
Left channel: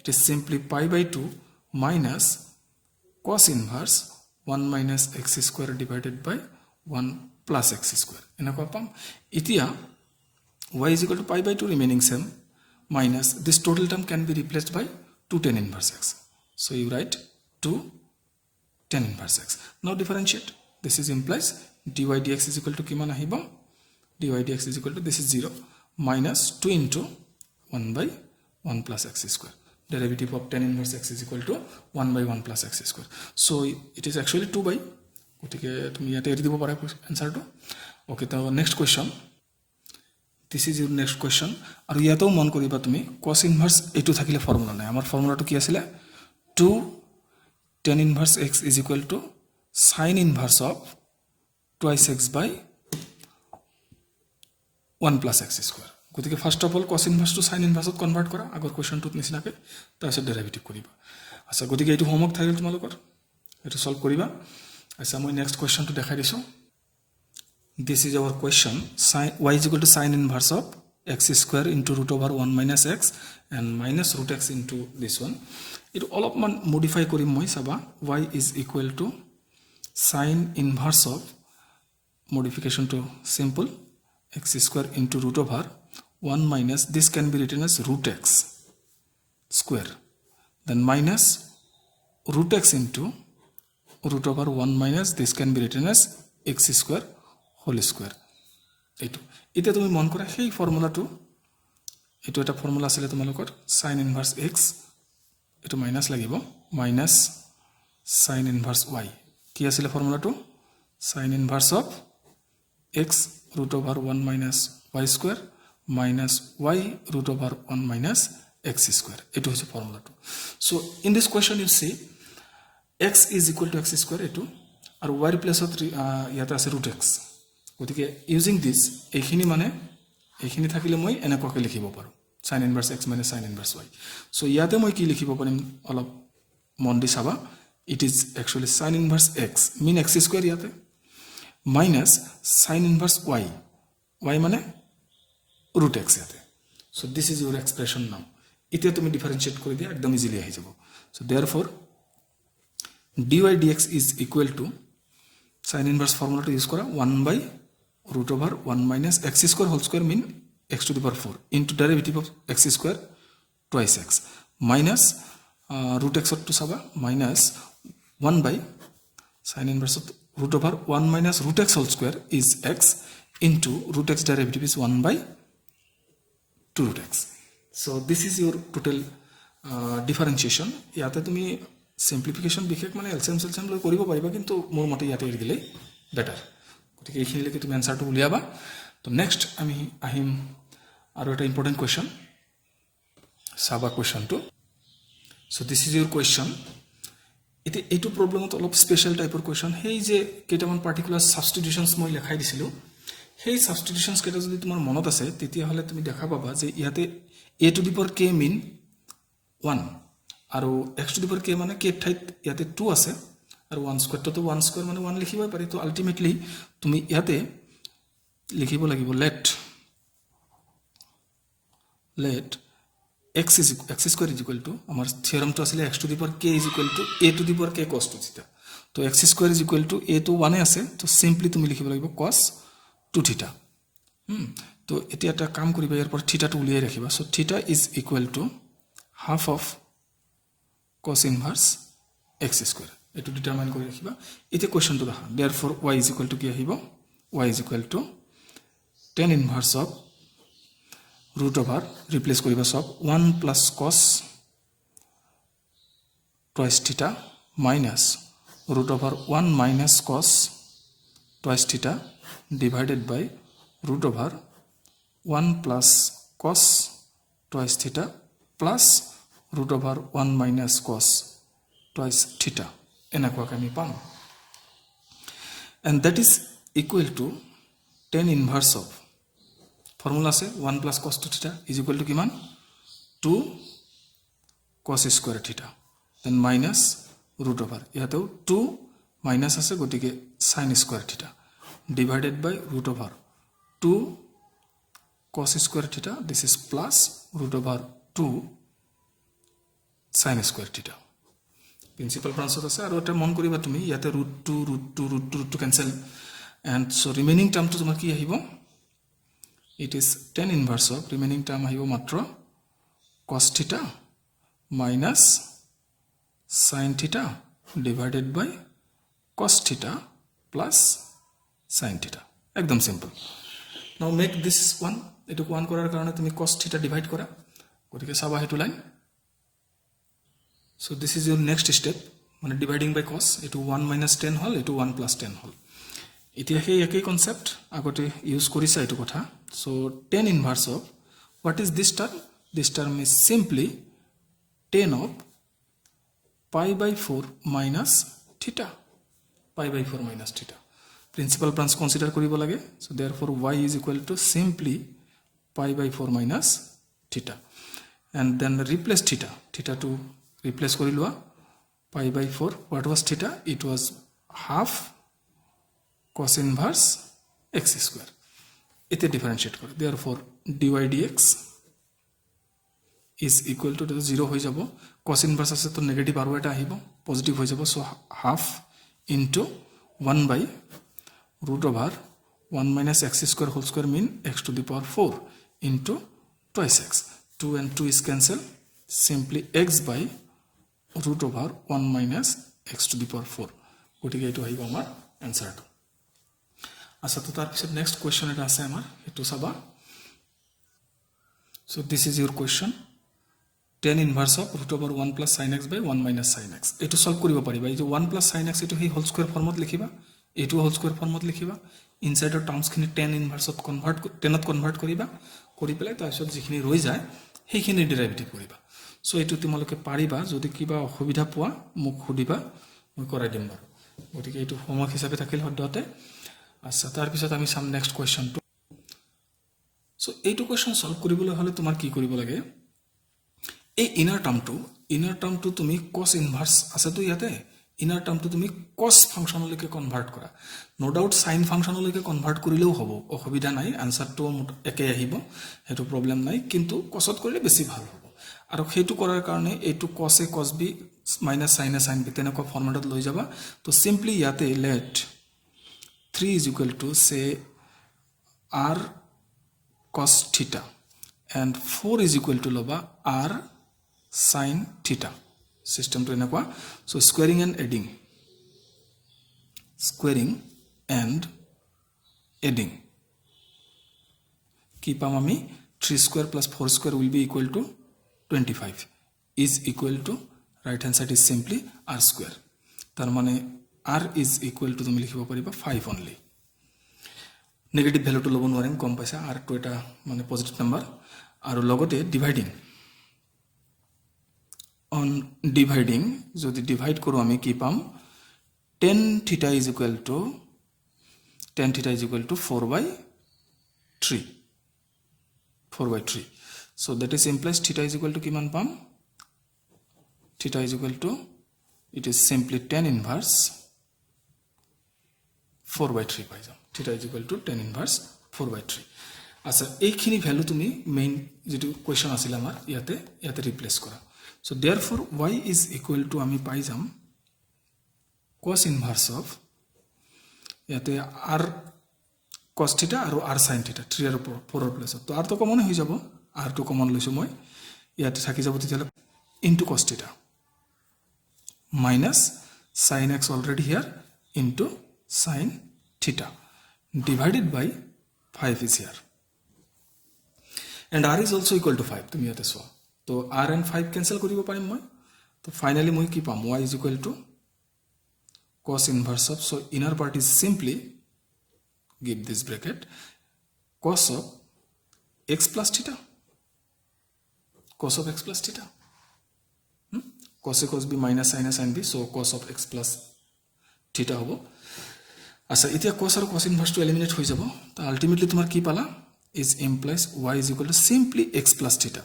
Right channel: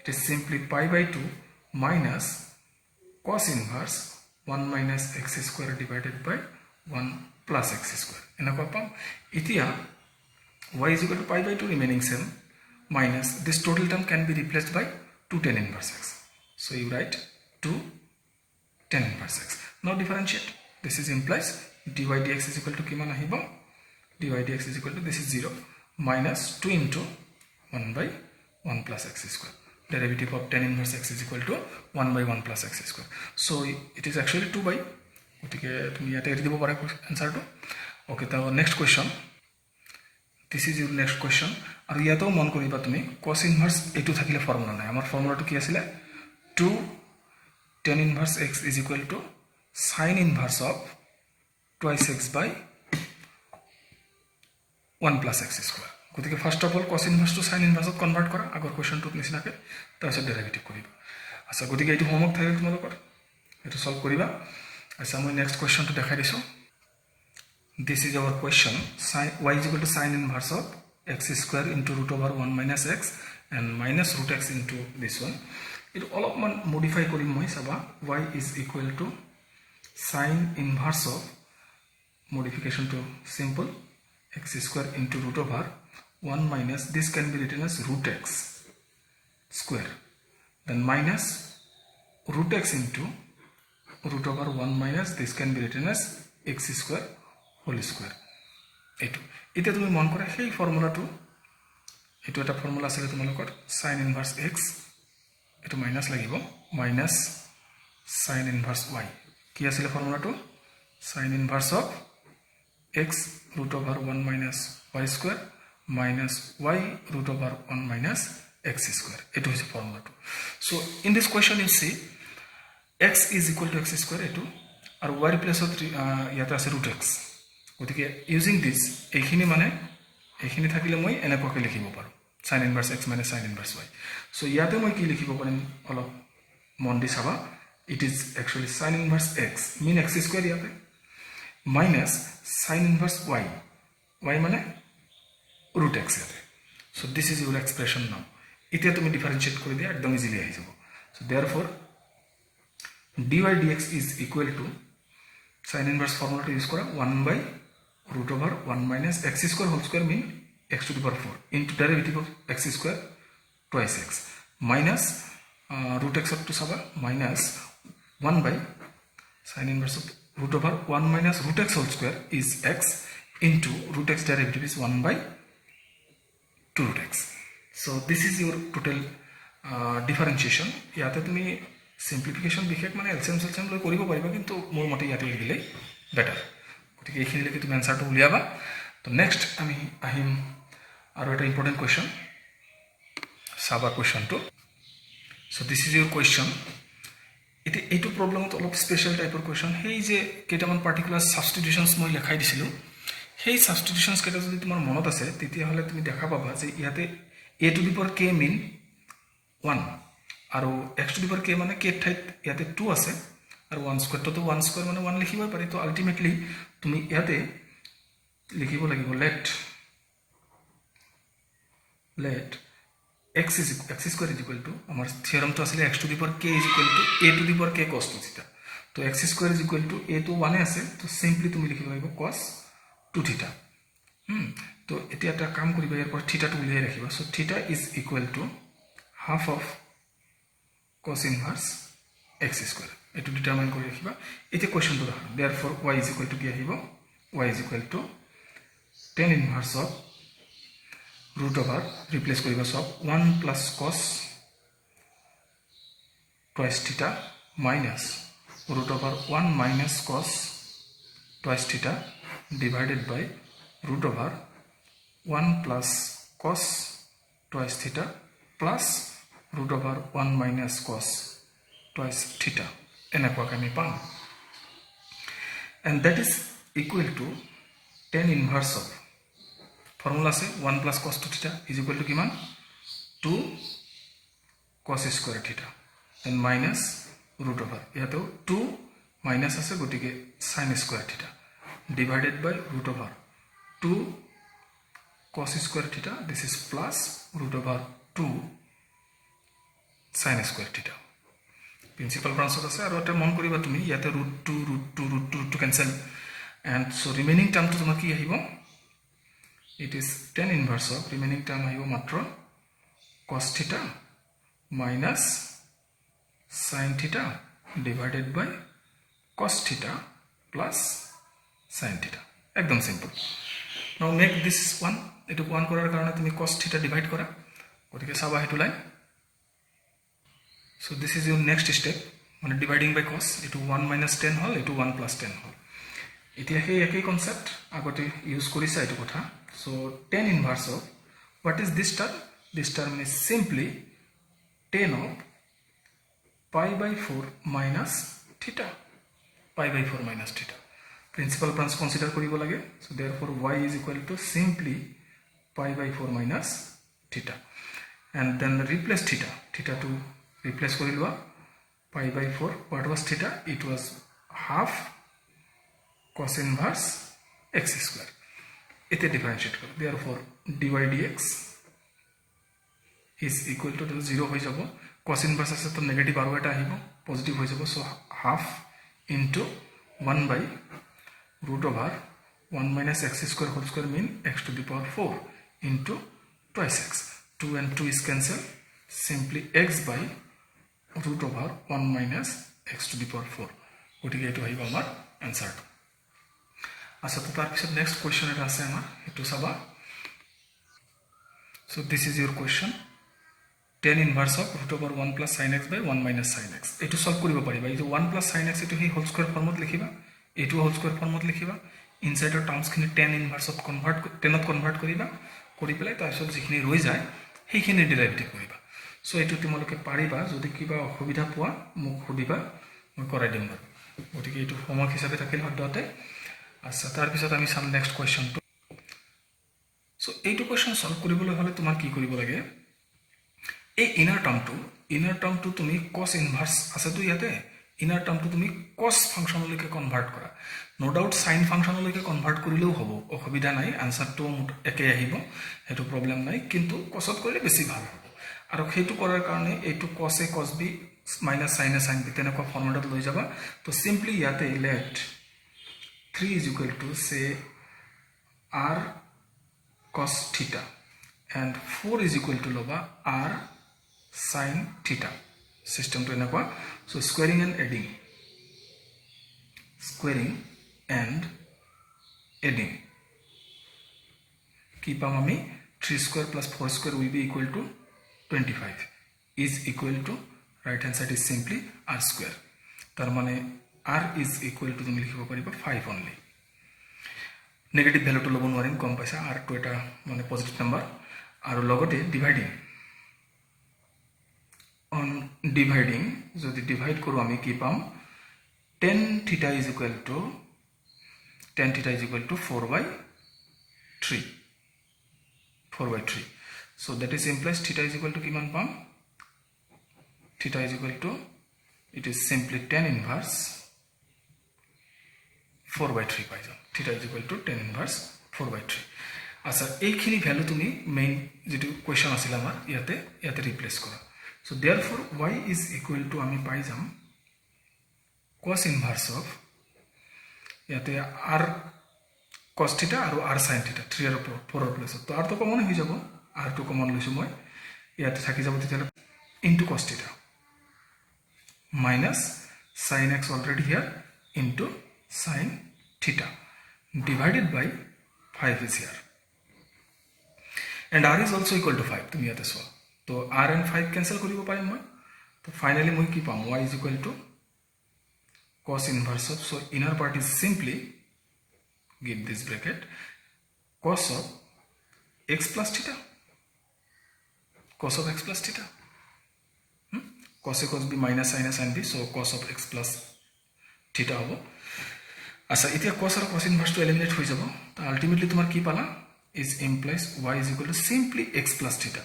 it is simply pi by 2 minus cos inverse 1 minus x square divided by 1 plus x square এনেকুৱা পাম এতিয়া y is equal to pi by 2 remaining same minus this total term can be replaced by 2 tan inverse x so you write 2 tan inverse x now differentiate this is implies dy dx is equal to kiman ahiba dy dx is equal to this is 0 minus 2 into 1 by 1 plus x square derivative of tan inverse x is equal to 1 by 1 plus x square so it is actually 2 by gotike tumi yate eri dibo para answer to okay so next question this is your next question আৰু ইয়াতেও মন কৰিবা তুমি cos inverse এটো থাকিলে formula নাই আমাৰ ফৰ্মুলাটো কি আছিল 2 tan inverse x is equal to sin inverse of twice x by 1 plus x square গতিকে first of all cos inverse to sin inverse convert কৰা আগৰ কোৱেশ্চনটোত নিচিনাকে তাৰপিছত ডেৰিভেটিভ কৰিবা আচ্ছা গতিকে এইটো হোমৱৰ্ক থাকিল তোমালোকৰ এটো সলভ কৰিবা আচ্ছা মই নেক্সট কোৱেশ্চনটো দেখাই দিছো this is our question sin y is equal to sin inverse of x square into root over 1 minus x and minus root x into this one it all of modify korim moi saba y is equal to sin inverse of modification to simple x square into root over 1 minus this can be written as root x square then minus root x into root over 1 minus this can be written as x square whole square এটো এটা তুমি মন কৰা সেই ফৰ্মুলাটো এটো এটা formula আছে তোমালোকৰ sin inverse x এটো মাইনাস লাগিব মাইনাস sin inverse y কি আছিল ফৰ্মুলাটো sin inverse of x root over 1 minus y square minus y root over 1 minus x square এটো হৈছে ফৰ্মুলাটো so in this question you see x is equal to x square এটো আৰু y replace of ইয়াতে আছে root x গতিকে using this এইখিনি মানে এইখিনি থাকিলে মই এনেকৈ লিখিব পাৰো sin inverse x minus sin inverse y so ইয়াতে মই কি লিখিব পাৰিম অলপ মন দি চাবা it is actually sin inverse x mean x square ইয়াতে minus sin inverse y y মানে root x ইয়াতে so this is your expression now এতিয়া তুমি ডিফারেন্সিয়েট কৰি দিয়া একদম ইজিলি আহি যাব so therefore dy dx is equal to sin inverse formula to use kora 1 by root over 1 minus x square whole square mean x to the power 4 into derivative of x square twice x minus root x to saba minus 1 by sin inverse of root over 1 minus root x whole square is x into root x derivative is 1 by 2 root x. So this is your total differentiation. ইয়াতে তুমি simplification বিশেষ মানে LCM SLCM লৈ কৰিব পাৰিবা কিন্তু মোৰ মতে ইয়াতে দিলে বেটাৰ গতিকে এইখিনিলৈকে তুমি আনসাৰটো উলিয়াবা তো নেক্সট আমি আহিম আৰু এটা ইম্পৰ্টেণ্ট কুৱেশ্যন চাবা কুৱেশ্যনটো so this is your question এতিয়া এইটো প্ৰবলেমত অলপ স্পেশাল টাইপৰ কুৱেশ্যন সেই যে কেইটামান পাৰ্টিকুলাৰ সাবস্টিটিউশনস মই লেখাই দিছিলো সেই সাবস্টিটিউশনস কেইটা যদি তোমাৰ মনত আছে তেতিয়াহলে তুমি দেখা পাবা যে ইয়াতে a to the power k mean 1 আৰু x to the power k মানে k ঠাইত ইয়াতে 2 আছে আৰু 1 স্কয়াৰ তো 1 স্কয়াৰ মানে 1 লিখিব পাৰি তো আলটিমেটলি তুমি ইয়াতে লিখিব লাগিব let x square is equal to our theorem to asile x to the power k is equal to a to the power k cos 2 theta तो x square is equal to a to 1 ए আছে तो simply তুমি লিখিব লাগিব cos 2 theta तो এতিয়া এটা কাম কৰিবা ইয়াৰ পৰ থিটা টো উলিয়াই ৰাখিবা সো থিটা is equal to half of cos inverse x square এটো ডিটাৰমাইন কৰি ৰাখিবা এতিয়া কোৱেশ্চনটো দেখা therefore y is equal to কি আহিব y is equal to tan inverse of root over replace koriba sob 1 plus cos twice theta minus root over 1 minus cos twice theta divided by root over 1 plus cos twice theta plus root over 1 minus cos twice theta enakwa kami pam and that is equal to tan inverse of formula say 1 plus cos 2 theta is equal to kiman 2 cos square theta then minus root over yato 2 minus ase gotike sin square theta divided by root over 2 cos square theta this is plus root over 2 sin square theta principal branch ase aru eta mon koriba tumi yate root 2 cancel and so remaining term to tomar ki ahibo it is tan inverse of remaining term ahibo matro cos theta minus sin theta divided by cos theta plus sin theta ekdom simple now make this one etu one korar karone tumi cos theta divide kora gotike saba hetu line so this is your next step mane dividing by cos etu 1 minus 10 hol etu 1 plus 10 hol এতিয়া সেই একই concept আগতে use কৰিছা এটো কথা so tan inverse of what is this term is simply tan of pi by 4 minus theta pi by 4 minus theta principal branch consider koribo lage so therefore y is equal to simply pi by 4 minus theta and then replace theta to replace kori lua pi by 4 what was theta it was half cos inverse x square ite differentiate karo therefore dy dx is equal to 0 hoy jabo cos inverse ase to negative aro eta ahibo positive hoy jabo so half into 1 by root over 1 minus x square whole square mean x to the power 4 into twice x 2 and 2 is cancel simply x by root over 1 minus x to the power 4 gotike etu hoibo amar answer আচ্ছা তো তার পিছত next question এটা আছে আমার এটো সাবা so this is your question tan inverse of root over 1 plus sin x by 1 minus sin x এটো সলভ কৰিব পাৰিবা এই যে 1 plus sin x এটো হে হোল স্কয়াৰ ফৰ্মত লিখিবা এটো হোল স্কয়াৰ ফৰ্মত লিখিবা ইনসাইডৰ টাৰ্মস খিনি tan inverse ত কনভাৰ্ট টেনত কনভাৰ্ট কৰিবা কৰি পেলাই তাৰ পিছত যিখিনি ৰৈ যায় সেইখিনি ডেৰিভেটিভ কৰিবা সো এটো তোমালোকে পাৰিবা যদি কিবা অসুবিধা পোৱা মোক সুধিবা মই কৰাই দিম গতিকে এটো হোমৱৰ্ক হিচাপে থাকিল হদ্দতে আচ্ছা তার পিছত আমি সাম নেক্সট কোয়েশ্চন টু সো এইটো কোয়েশ্চন সলভ কৰিবলৈ হলে তোমাৰ কি কৰিব লাগে এই ইনাৰ টাৰ্মটো তুমি cos ইনভাৰ্স আছে তো ইয়াতে ইনাৰ টাৰ্মটো তুমি cos ফাংশনলৈকে কনভাৰ্ট কৰা নো ডাউট sin ফাংশনলৈকে কনভাৰ্ট কৰিলেও হ'ব অসুবিধা নাই আনসাৰটো একে আহিব হেতু প্ৰবলেম নাই কিন্তু cosত কৰিলে বেছি ভাল হ'ব আৰু হেতু কৰাৰ কাৰণে এইটো cos a cos b minus sin a sin b তেনেকুৱা ফৰ্মুলাত লৈ যাবা তো সিম্পলি ইয়াতে let 3 is equal to say r cos theta and 4 is equal to loba r sin theta system to enakwa. So squaring and adding কি পাম আমি 3 square plus 4 square will be equal to 25 is equal to right hand side is simply r square tar mane r is equal to তুমি লিখিব পাৰিবা 5 only negative value তো লব নোৱাৰিম কম পাইছা r to এটা মানে পজিটিভ নাম্বাৰ আৰু লগতে ডিভাইডিং যদি ডিভাইড কৰো আমি কি পাম tan theta is equal to 4/3 so that is implies theta is equal to kiman pam theta is equal to it is simply tan inverse 4/3 পাই যাও theta is equal to tan inverse 4/3 আচ্ছা এইখিনি value তুমি main যেটো question আছিল আমাৰ ইয়াতে ৰিপ্লেস কৰা so therefore y is equal to আমি পাই যাম cos inverse of ইয়াতে r cos theta আৰু r sin theta 3 আৰু 4 প্লাস তো r তো কমন হৈ যাব r তো কমন লৈছো মই ইয়াতে থাকি যাব তেতিয়ালে into cos theta minus sin x already here into sin theta divided by 5 is here and r is also equal to 5 তুমি ইয়াতে সোয়া তো r and 5 cancel কৰিব পাৰিম মই তো ফাইনালি মই কি পাম y is equal to cos inverse of so inner part is simply give this bracket cos of x plus theta cos of x plus theta cos a cos b minus sin a sin b so cos of x plus theta hobo asa etia cos are cos inverse to eliminate হৈ যাব তো ultimately তোমার কি পালা is implies y is equal to simply x plus theta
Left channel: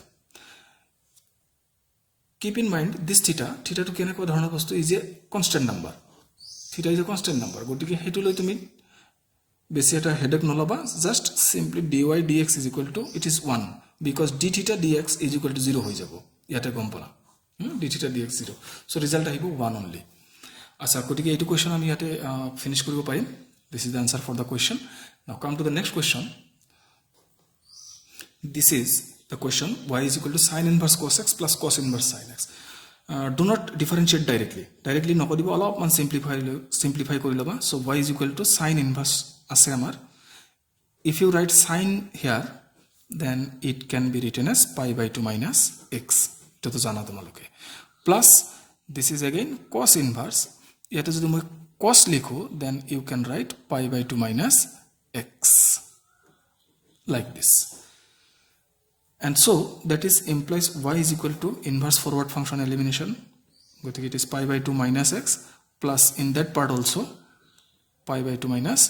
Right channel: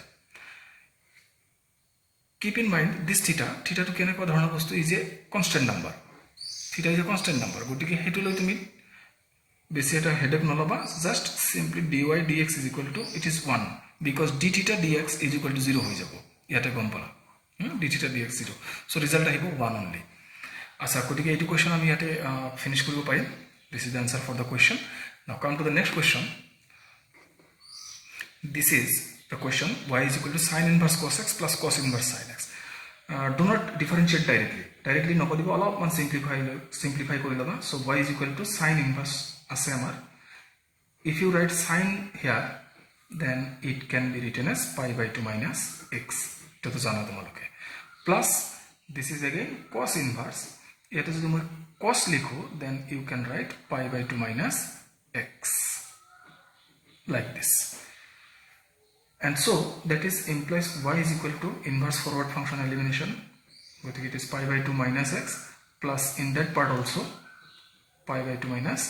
keep in mind this theta to কেনেকুৱা ধৰণৰ বস্তু is a constant number theta is a constant number গটিকে হেতু লৈ তুমি বেছি এটা headache নলবা just simply dy dx is equal to it is 1 because d theta dx is equal to 0 হৈ যাব ইয়াতে গম পালা d theta dx 0 so result আহিব 1 only আচ্ছা গটিকে এইটো কোয়েশ্চন আমি ইয়াতে ফিনিশ কৰিব পাৰিম this is the answer for the question now come to the next question this is the question y is equal to sin inverse cos x plus cos inverse sin x do not differentiate directly নকৰিব অলপমান simplify কৰি লবা so y is equal to sin inverse আছে আমাৰ if you write sin here then it can be written as pi by 2 minus x to জানা তোমালোকে plus this is again cos inverse ইয়াতে যদি মই cos লিখো then you can write pi by 2 minus x like this and so that is implies y is equal to inverse forward function elimination gotike it is pi by 2 minus x plus in that part also pi by 2 minus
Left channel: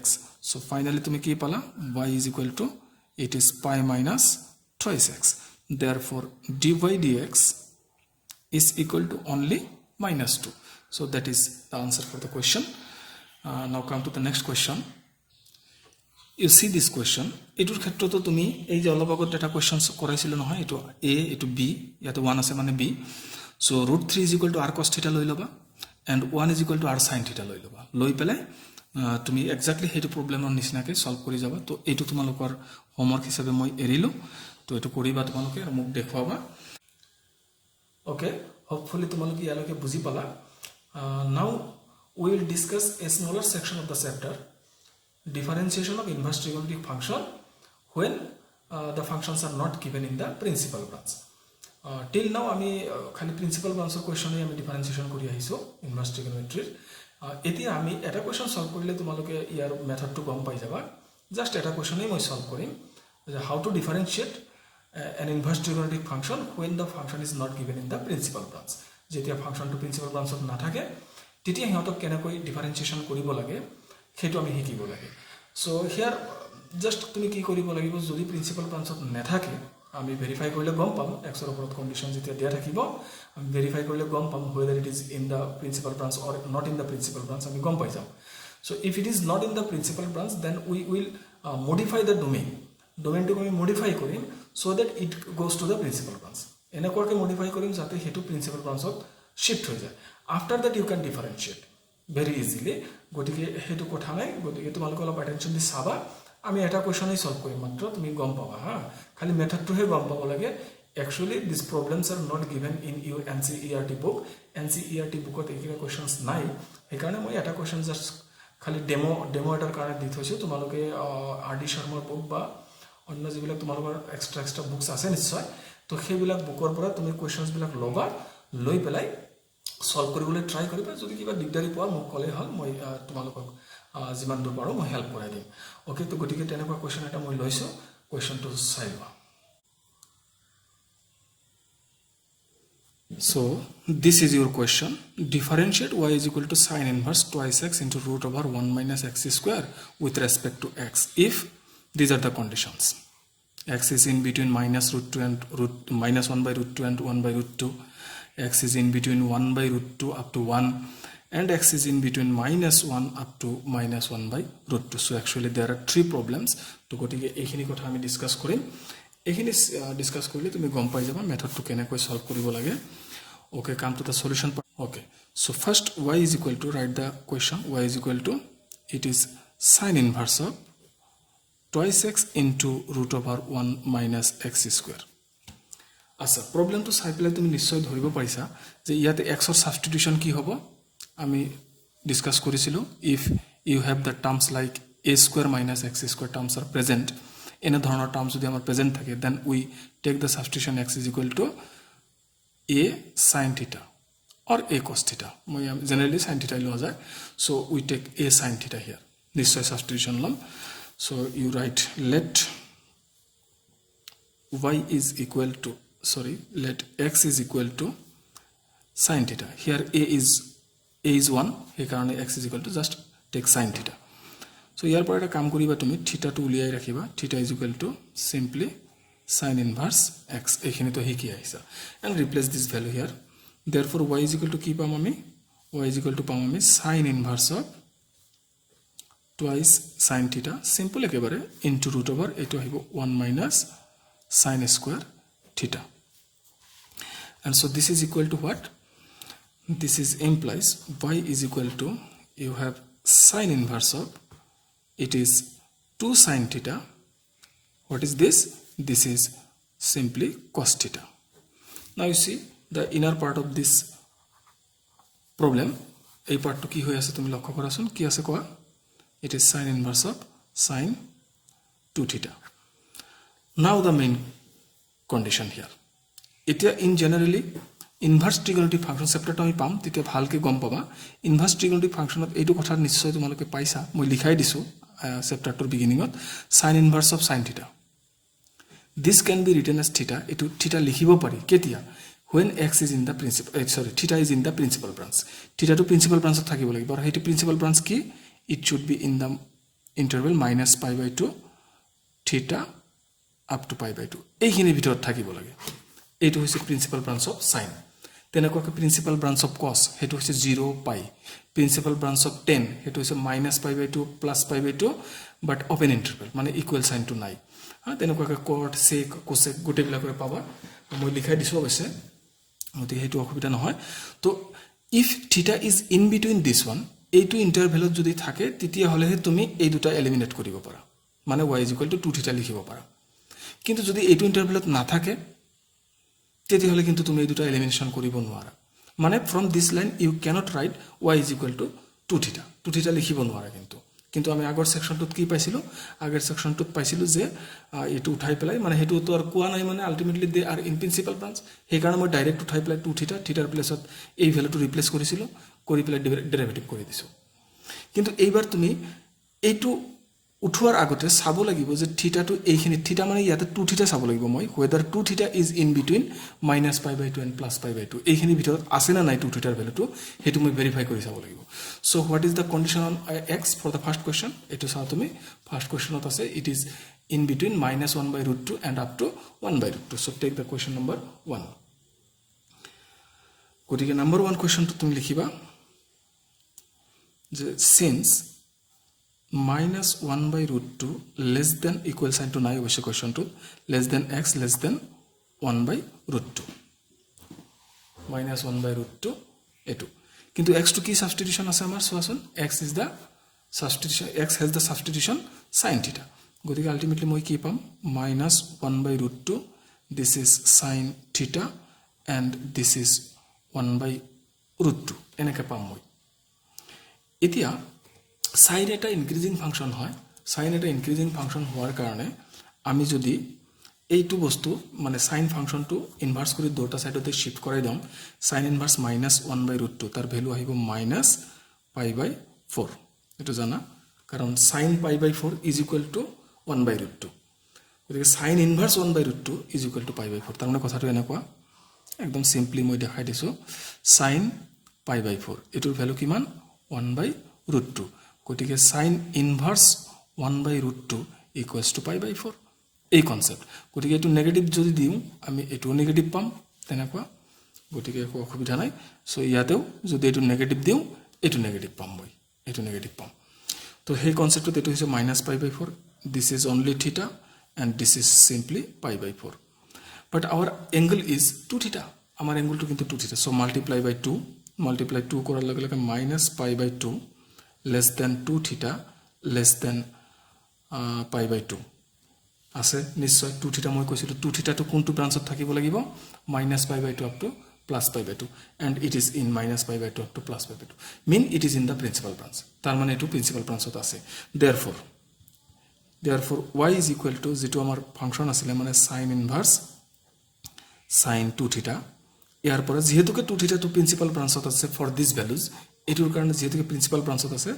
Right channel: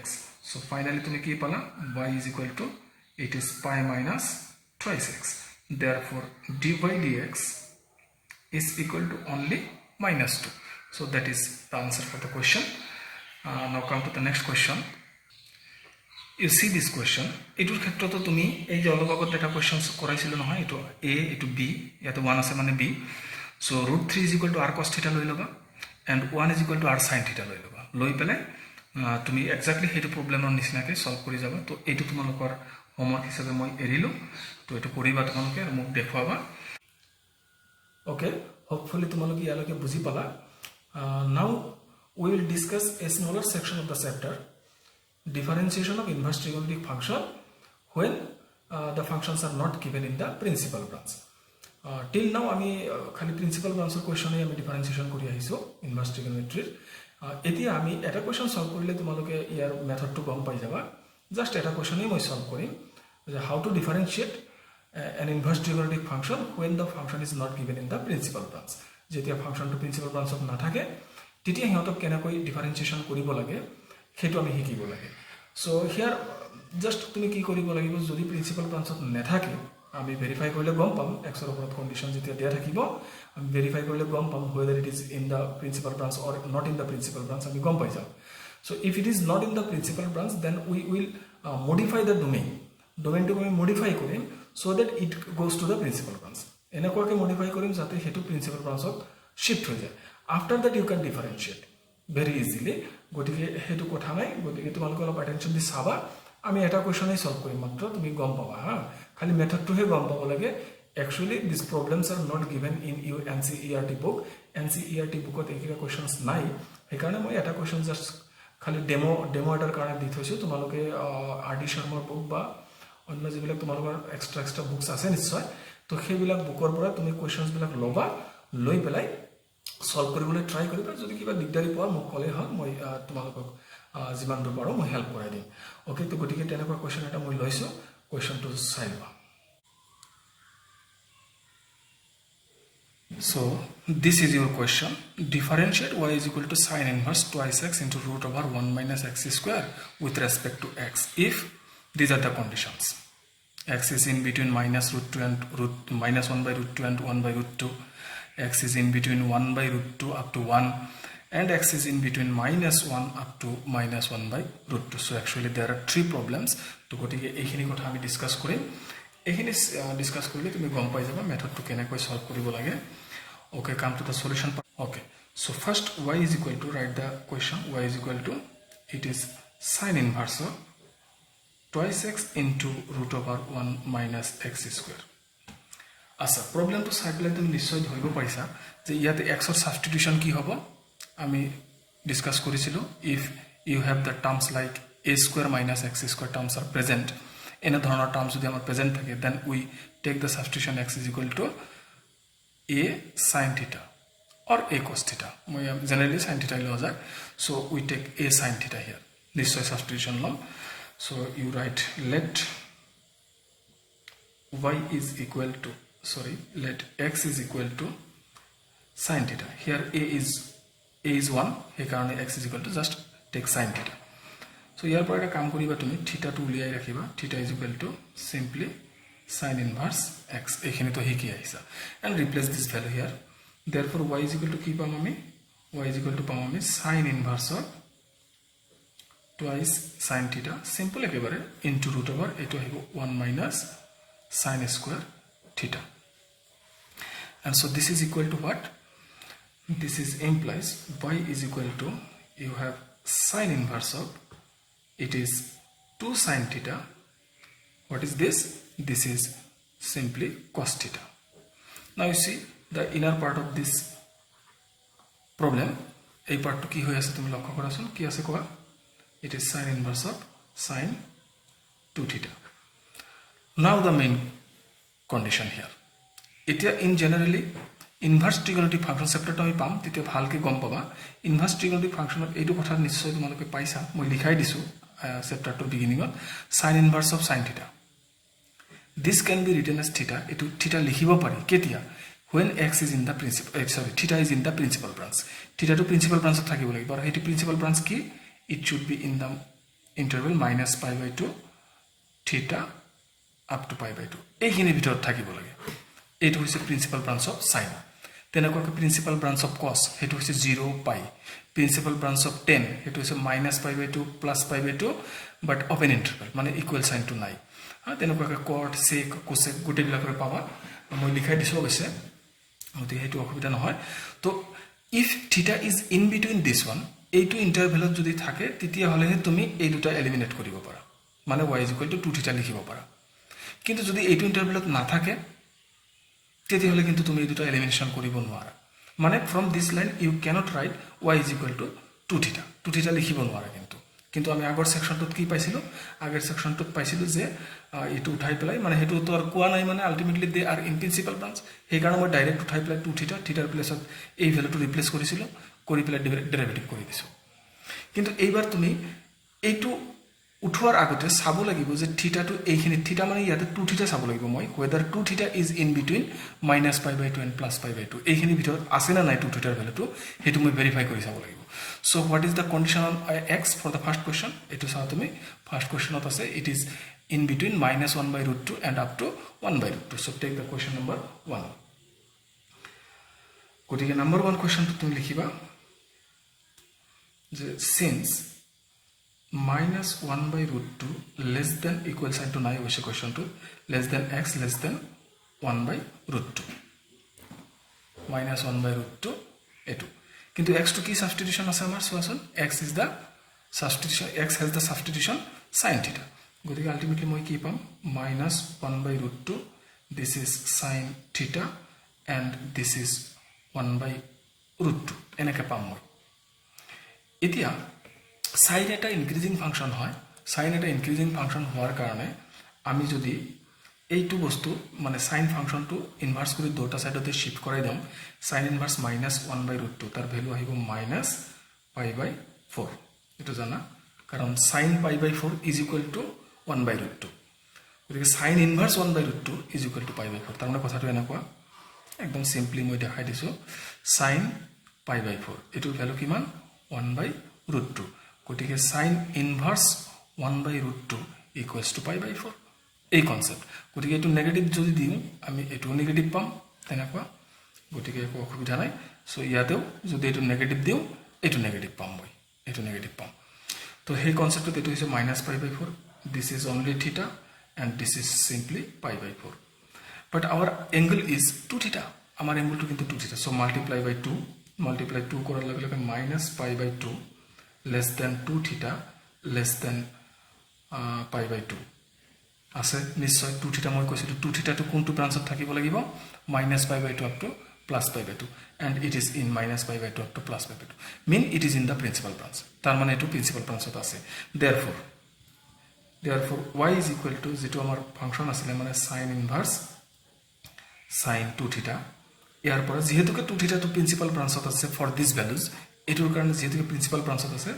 x so finally tumi ki pala y is equal to it is pi minus twice x therefore dy dx is equal to only minus 2 so that is the answer for the question now come to the next question you see this question etur khettro to tumi ei je olobagot data questions koraisilo nohoy eto a eto b yato 1 ase mane b so √3 is equal to r cos theta loi loba and 1 is equal to r sin theta loi loba loi pele তুমি exactly হেতু প্ৰবলেমৰ নিচিনাকৈ solve কৰি যাবা তো এইটো তোমালোকৰ homework হিচাপে মই এৰিলো তো এটো কৰিবা তোমালোকে আৰু মোক দেখুৱাবা ওকে হোপফুলি তোমালোকে ইয়ালৈকে বুজি পালা নাও we will discuss a smaller section of the chapter differentiation of inverse trigonometric function when the functions are not given in the principal branch till now আমি খালি principal branch এর কোশ্চনে আমি ডিফারেন্সিয়েশন কৰি আহিছো ইনভাৰ্স ট্ৰিগোনোমেট্ৰিৰ এতিয়া আমি এটা কোশ্চন সলভ কৰিলে তোমালোকে ইয়াৰ মেথডটো গম পাই যাবা জাস্ট এটা কোশ্চনই মই সলভ কৰিম how to differentiate an inverse trigonometric function when the function is not given in the principal branch যেতিয়া ফাংশনটো প্ৰিন্সিপাল ব্ৰাঞ্চত নাথাকে তেতিয়া হিহঁতক কেনেকৈ ডিফাৰেন্সিয়েশন কৰিব লাগে সেইটো আমি শিকিব লাগে সো হিয়াৰ জাস্ট তুমি কি কৰিব লাগিব যদি প্ৰিন্সিপাল ব্ৰাঞ্চত নাথাকে আমি ভেৰিফাই কৰিলে গম পাম x ৰ ওপৰত কন্ডিশন যেতিয়া দিয়া থাকিব আমি ভেৰিফাই কৰিলে গম পাম whether it is in the principal branch or not in the principal branch আমি গম পাই যাম so if it is not in the principal branch then we will modify the domain to আমি modify কৰিম so that it goes to the principal branch এনেকুৱাকে modify কৰিম যাতে হেতু principal branchত shift হৈ যায় after that you can differentiate very easily গটিকে হেতু কথা নাই গটিকে তোমালোকে অলপ attention দি চাবা আমি এটা কোশ্চনই সলভ কৰিম মাত্ৰ তুমি গম পাবা হা খালি মেথডটোহে গম পাব লাগে Actually, these problems are not given in your NCERT book. NCERT bookত এইকেইটা questions নাই, সেইকাৰণে মই এটা question just খালি ডেমো এটাৰ কাৰণে দি থৈছোঁ। তোমালোকে RD শৰ্মাৰ বুক বা অন্য যিবিলাক তোমালোকৰ এক্সট্ৰা বুকছ আছে নিশ্চয়, তো সেইবিলাক বুকৰ পৰা তুমি কুৱেশ্যনছবিলাক ল'বা, লৈ পেলাই সলভ কৰিবলৈ ট্ৰাই কৰিবা। যদি কিবা দিগদাৰি পোৱা মোক ক'লেই হ'ল, মই তোমালোকক যিমান দূৰ পাৰোঁ মই হেল্প কৰাই দিম। অ'কে, তো গতিকে তেনেকুৱা কুৱেশ্যন এটা মই লৈছোঁ, কুৱেশ্যনটো চাই লোৱা। So this is your question. Differentiate y is equal to sine inverse twice x into root over 1 minus x square with respect to x if these are the conditions. X is in between minus root 2 and minus 1 by root 2 and 1 by root 2. X is in between 1 by root 2 up to 1, and x is in between minus 1 up to minus 1 by root 2. So actually there are three problems. To go to এইখিনি কথা আমি discuss কৰিম। এইখিনি discuss কৰিলে তুমি গম পাই যাবা মেথডটো কেনেকৈ সলভ কৰিব লাগে। Okay, come to the solution. Okay, so first y is equal to, write the question, y is equal to, it is sine inverse of twice x into root over 1 minus x square. আচ্ছা, প্ৰবলেমটো চাই পেলাই তুমি নিশ্চয় ধৰিব পাৰিছা যে ইয়াতে এক্সৰ সাবস্টিটিউশন কি হ'ব। আমি ডিসকাস কৰিছিলোঁ, if you have the terms like a square minus x square terms are present, এনে ধৰণৰ টাৰ্মছ যদি আমাৰ প্ৰেজেণ্ট থাকে, then we take the substitution x is equal to a sin theta or a cos theta. মই generally sin theta লোৱা যায়, so we take a sin theta here. নিশ্চয় substitution লম। So you write let y is equal to, sorry, let x is equal to sin theta. Here a is 1, সেইকাৰণে x is equal to just take sin theta. So ইয়াৰ পৰা এটা কাম কৰিবা, তুমি থিটাটো উলিয়াই ৰাখিবা। থিটা is equal to simply sin inverse x, এইখিনি তো হিকি আহিছা, and replace this value here. Therefore y is equal to কি পাম আমি, y is equal to পাম আমি sin inverse of twice sin theta, simple একেবাৰে, into root over এইটো আহিব 1 minus sin square theta. And so this is equal to what? This is implies y is equal to, you have sin inverse of, it is 2 sin theta. What is this? This is simply cos theta. Now you see the inner part of this problem, এই পার্টটো কি হৈ আছে তুমি লক্ষ্য কৰাচোন, কি আছে কোৱা, it is sin inverse of sin 2 theta. Now the main condition here, এতিয়া in generally inverse trigonometric function chapter আমি পাম, তেতিয়া ভালকে গম পাবা inverse trigonometric function এইটো কথা নিশ্চয় তোমালোকে পাইছা, মই লিখাই দিছো চেপ্টাৰটোৰ বিগিনিঙত, sin inverse of sin theta. This can be written as theta. Etu theta likhiব পাৰি কেতিয়া, when x is in the principal, theta is in the principal branch. Theta to principal branch থাকিব লাগিব, আৰু হেতু principal branch কি, it should be in the interval minus pi by 2 theta up to pi by 2, এইখিনিৰ ভিতৰত থাকিব লাগে। এইটো হৈছে principal branch of sin। তেনেকৈ principal branch of cos, হেতু হৈছে 0 pi। principal branch of tan, হেতু হৈছে minus pi by 2 plus pi by 2, but open interval, মানে equal sign to নাই। তেনেকুৱাকৈ কট সেক কোসেক গোটেইবিলাকৰে পাবা, মই লিখাই দিছোঁ অৱশ্যে, গতিকে সেইটো অসুবিধা নহয়। তো ইফ থিটা is in between this one, এইটো ইণ্টাৰভেলত যদি থাকে তেতিয়াহ'লেহে তুমি এই দুটা এলিমিনেট কৰিব পাৰা, মানে y is equal to 2 থিটা লিখিব পাৰা। কিন্তু যদি এইটো ইণ্টাৰভেলত নাথাকে তেতিয়াহ'লে কিন্তু তুমি এই দুটা এলিমিনেশ্যন কৰিব নোৱাৰা, মানে from this line you cannot write y is equal to 2 থিটা, 2 থিটা লিখিব নোৱাৰা। কিন্তু আমি আগৰ সেকশনটোত কি পাইছিলোঁ, আগৰ সেকশনটোত পাইছিলোঁ যে এইটো উঠাই পেলাই, মানে সেইটো তো আৰু কোৱা নাই, মানে ultimately they are in principal branch, সেইকাৰণে মই ডাইৰেক্ট উঠাই পেলাই 2 থিটা, থিটাৰ প্লেছত এই ভ্যালুটো ৰিপ্লেস কৰিছিলোঁ, কৰি পেলাই ডেৰিভেটিভ কৰি দিছোঁ। কিন্তু এইবাৰ তুমি এইটো উঠোৱাৰ আগতে চাব লাগিব যে থিটাটো এইখিনি, থিটা মানে ইয়াতে 2 থিটা চাব লাগিব মই, whether 2 theta is in between minus pi by 2 and plus pi by 2, এইখিনি ভিতৰত আছে না নাই 2 থিটাৰ ভ্যালুটো, হেতু মই ভেৰিফাই কৰি চাব লাগিব। So what is the condition on x for the first question? Etu saw তুমি first question of ase, it is in between minus 1 by root 2 and up to 1 by root 2. So take the question number 1. গতিকে number 1 question to তুমি লিখিবা যে since minus 1 by root 2 less than equal sign to নাই অবশ্য question to less than x less than 1 by root 2, minus 1 by root 2 এটু, কিন্তু x to কি substitution আছে আমার সোয়াসন, x is the substitution, x has the substitution sin theta, গতিকে ultimately মই কি পাম minus 1 by root 2 this is sin theta and this is 1/√2 এনেকৈ পাম মই এতিয়া sin এটা ইনক্ৰিজিং ফাংশন হয় sin এটা ইনক্ৰিজিং ফাংশন হোৱাৰ কাৰণে আমি যদি এইটো বস্তু মানে sin ফাংশনটো ইনভাৰ্স কৰি দুটা সাইডতে শিফট কৰাই দিম sin ইনভাৰ্স -1/√2 তাৰ ভ্যালু আহিব -π/4 এটো জানা কাৰণ sin π/4 is equal to 1/√2 গতিকে sin inverse 1/√2 is equal to π/4 তাৰ মানে কথাটো এনেকুৱা একদম সিম্পলি মই দেখাই দিছো sin π/4 এটোৰ ভ্যালু কিমান 1/√2 গতিকে sin ইনভার্স 1/√2 equals to π/4 এই কনসেপ্ট গতিকে এটো নেগেটিভ যদি দিও আমি এটো নেগেটিভ পাম তেনেকুৱা গতিকে একো অসুবিধা নাই সো ইয়াতেও যদি এটো নেগেটিভ দিও এটো নেগেটিভ পাম মই এটো নেগেটিভ পাম তো সেই কনসেপ্টত এটো হৈছে -π/4 this is only theta and this is simply π/4 but our angle is 2 theta our angle to kintu 2 theta so multiply 2 korar lage lage -π/2 less than 2 theta less than π/2 আছে নিশ্চয় 2 থিটা মই কৈছিলো 2 থিটা তো কোনটো ব্রাঞ্চত থাকিব লাগিব -π/2 up to +π/2 and it is in -π/2 up to +π/2 mean it is in the principal branch তার মানে এটো প্রিন্সিপাল ব্রাঞ্চত আছে therefore y is equal to যেটো আমাৰ ফাংশন আছিল মানে sin ইনভাৰ্স sin 2 থিটা ইয়াৰ পৰা যেহেতুকে 2 থিটা তো প্ৰিন্সিপাল ব্ৰাঞ্চত আছে for these values এটোৰ কাৰণে যেহেতুকে প্ৰিন্সিপাল ব্ৰাঞ্চত আছে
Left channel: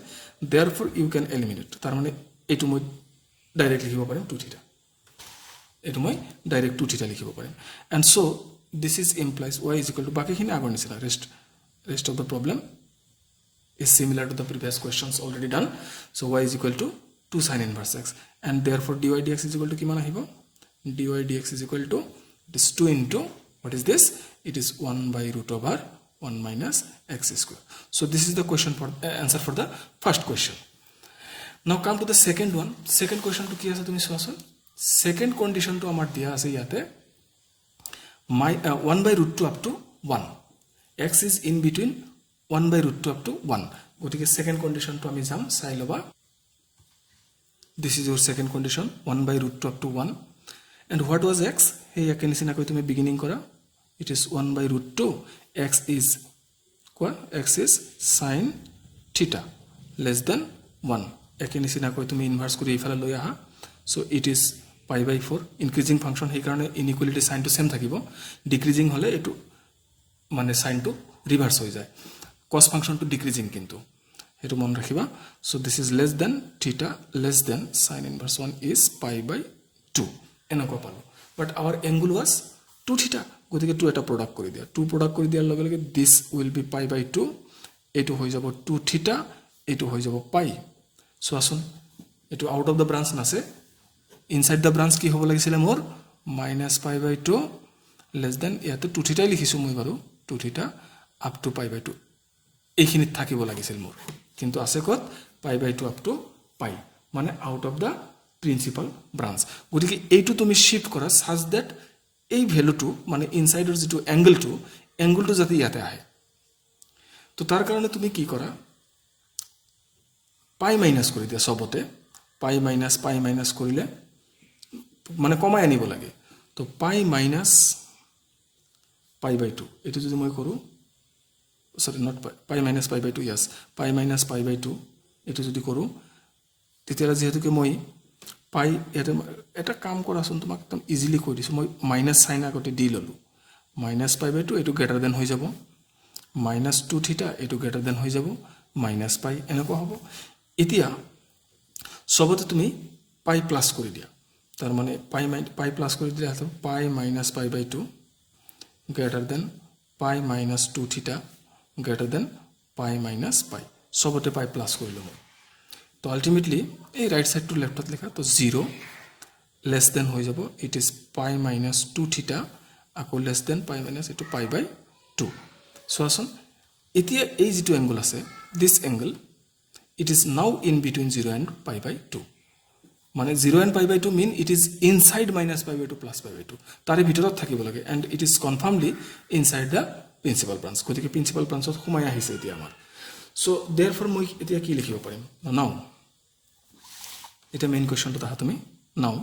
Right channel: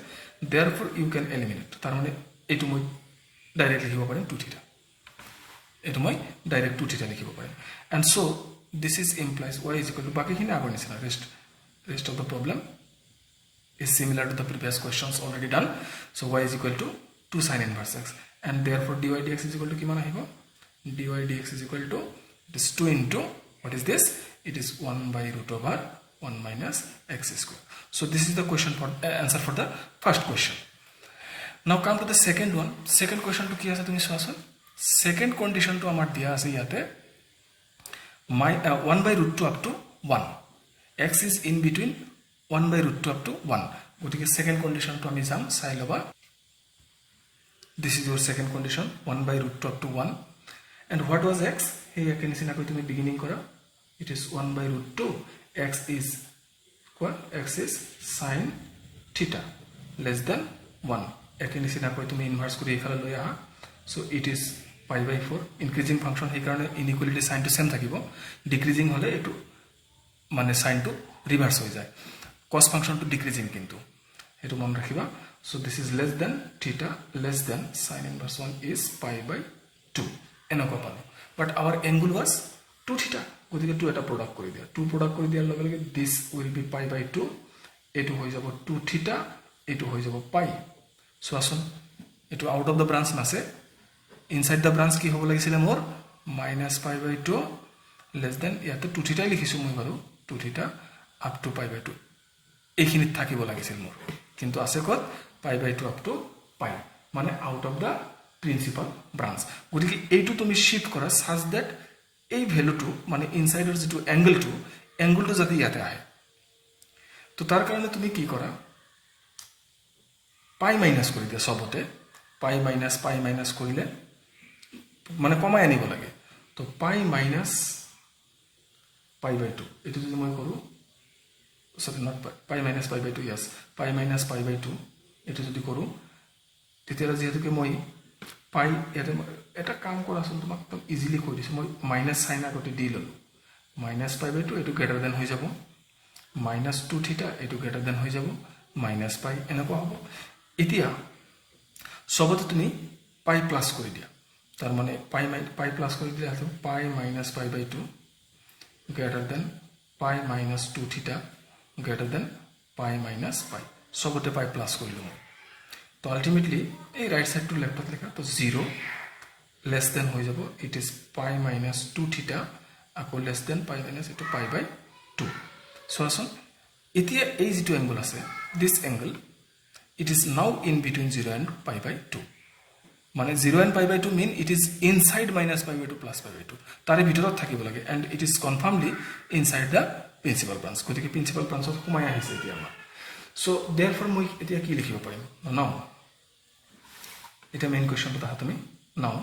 therefore you can eliminate তাৰ মানে এটো মই ডাইৰেক্টলি লিখিব পাৰিম 2 থিটা এটো মই ডাইৰেক্ট 2 থিটা লিখিব পাৰিম and so this is implies y is equal to বাকিখিনি আগৰ নিচিনা rest of the problem is similar to the previous questions already done so y is equal to 2 sin inverse x and therefore dy dx is equal to কিমান আহিব dy dx is equal to this 2 into what is this it is 1/√1 minus x square so this is the question for answer for the first question now come to the second one second question to কি আছে তুমি চোৱাছো second condition to আমাৰ দিয়া আছে ইয়াতে 1/√2 up to 1 x is in between 1/√2 up to 1 গতিকে second condition to আমি যাম চাই লবা this is your second condition 1/√2 up to 1 and what was x hey একে নিচিনা কৈ তুমি beginning কৰা it is 1/√2 x is sin theta less than 1 একে নিচিনা কৈ তুমি ইনভার্স কৰি ইফালে লৈ আহা so it is π/4 increasing function হে কাৰণে inequality sign to same থাকিব decreasing হলে এটো মানে sign to reverse হৈ যায় cos function to decreasing কিন্তু এটো মন ৰাখিবা so this is less than theta less than sin inverse 1 is π/2 এনেকুৱা পালো but our angle was 2 theta গতিকে 2 এটা প্ৰডাক্ট কৰি দিয়া 2 প্ৰডাক্ট কৰি দিয়াৰ লগে লগে this will be π/2 এটো হৈ যাব 2 theta এটো হৈ যাব π so আসুন এটো আউট অফ দা ব্রাঞ্চ নাছে inside the branch কি হ'ব লাগিছিল মোৰ -π/2 less than ইয়াতে 2 থিটা লিখিছো মই বাৰু 2 থিটা up to π/2 এইখিনিত থাকিব লাগিছিল মোৰ কিন্তু আছে কত π/2 up to π মানে out of da principal branch গতিকে এইটো তুমি শিফট কৰা such that এই ভ্যালুটো মানে ইনসাইডৰ যেটো অ্যাঙ্গেলটো যাতে ইয়াতে আহে তো তাৰ কাৰণে তুমি কি কৰা π মাইনাস কৰি দিয়া সবতে π মাইনাস কৰিলে মানে কমাই আনিব লাগে তো π মাইনাস π/2 এটো যদি মই কৰো sorry not π minus π/2 yes π minus π/2 এটো যদি কৰো তেতিয়ালা যেহেতুকে মই π এটা কাম কৰাচোন তোমাক একদম ইজিলি কৈ দিছো মই মাইনাস সাইন আগতে দি ললো মাইনাস π/2 এটো গ্ৰেটাৰ দেন হৈ যাব -2 থিটা এটো গ্ৰেটাৰ দেন হৈ যাব -π এনেকুৱা হ'ব এতিয়া সবতে তুমি π প্লাস কৰি দিয়া তাৰ মানে π প্লাস কৰি দিলে আছে π মাইনাস π/2 গ্রেটার দেন π মাইনাস 2 থিটা গ্রেটার দেন π মাইনাস π সবতে π প্লাস কৰিলো তো আলটিমেটলি এই রাইট সাইড টু লেফটত লেখা তো 0 লেস দেন হৈ যাব ইট ইজ π মাইনাস 2 থিটা আকৌ লেস দেন π মাইনাস এটো π/2 সো আসুন এতিয়া এই যেটো অ্যাঙ্গেল আছে this angle it is now in between 0 and π/2 মানে 0 and π/2 mean it is inside -π/2 plus π/2 তারে ভিতৰত থাকিব লাগে and it is confirmedly inside the principal branch গতিকে প্রিন্সিপাল ব্রাঞ্চত সোমাই আহিছে এতিয়া আমাৰ so therefore মই এতিয়া কি লিখিব পাৰিম নাও এটা মেইন কোৱেশ্চনটো তাহা তুমি নাও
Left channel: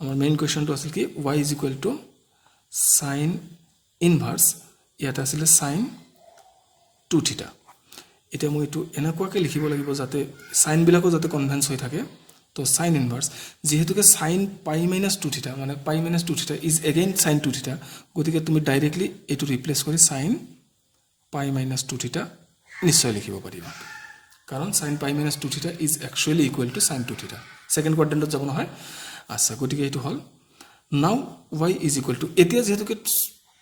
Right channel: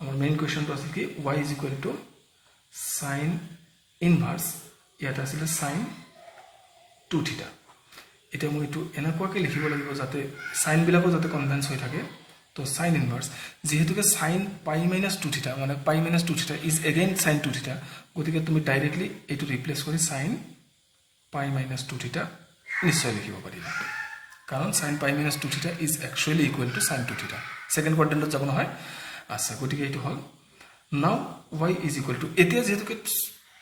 আমাৰ মেইন কোৱেশ্চনটো আছিল কি y is equal to sine inverse ইয়াত আছিলে সাইন 2 থিটা এটা মই এটো এনেকুৱাকৈ লিখিব লাগিব যাতে সাইন বিলাকো যাতে কনভেন্স হৈ থাকে তো সাইন ইনভার্স যেহেতুকে সাইন পাই মাইনাস 2 থিটা মানে পাই minus 2 theta is again sign 2 থিটা গতিকে তুমি ডাইৰেক্টলি এটো ৰিপ্লেস কৰি সাইন পাই মাইনাস 2 থিটা নিশ্চয় লিখিব পাৰিবা কাৰণ sign pi minus 2 theta is actually equal to sine 2 theta second কোয়াড্রেন্টত যাব নহয় আছে গতিকে এটো হল নাও y is equal to এতিয়া যেহেতুকে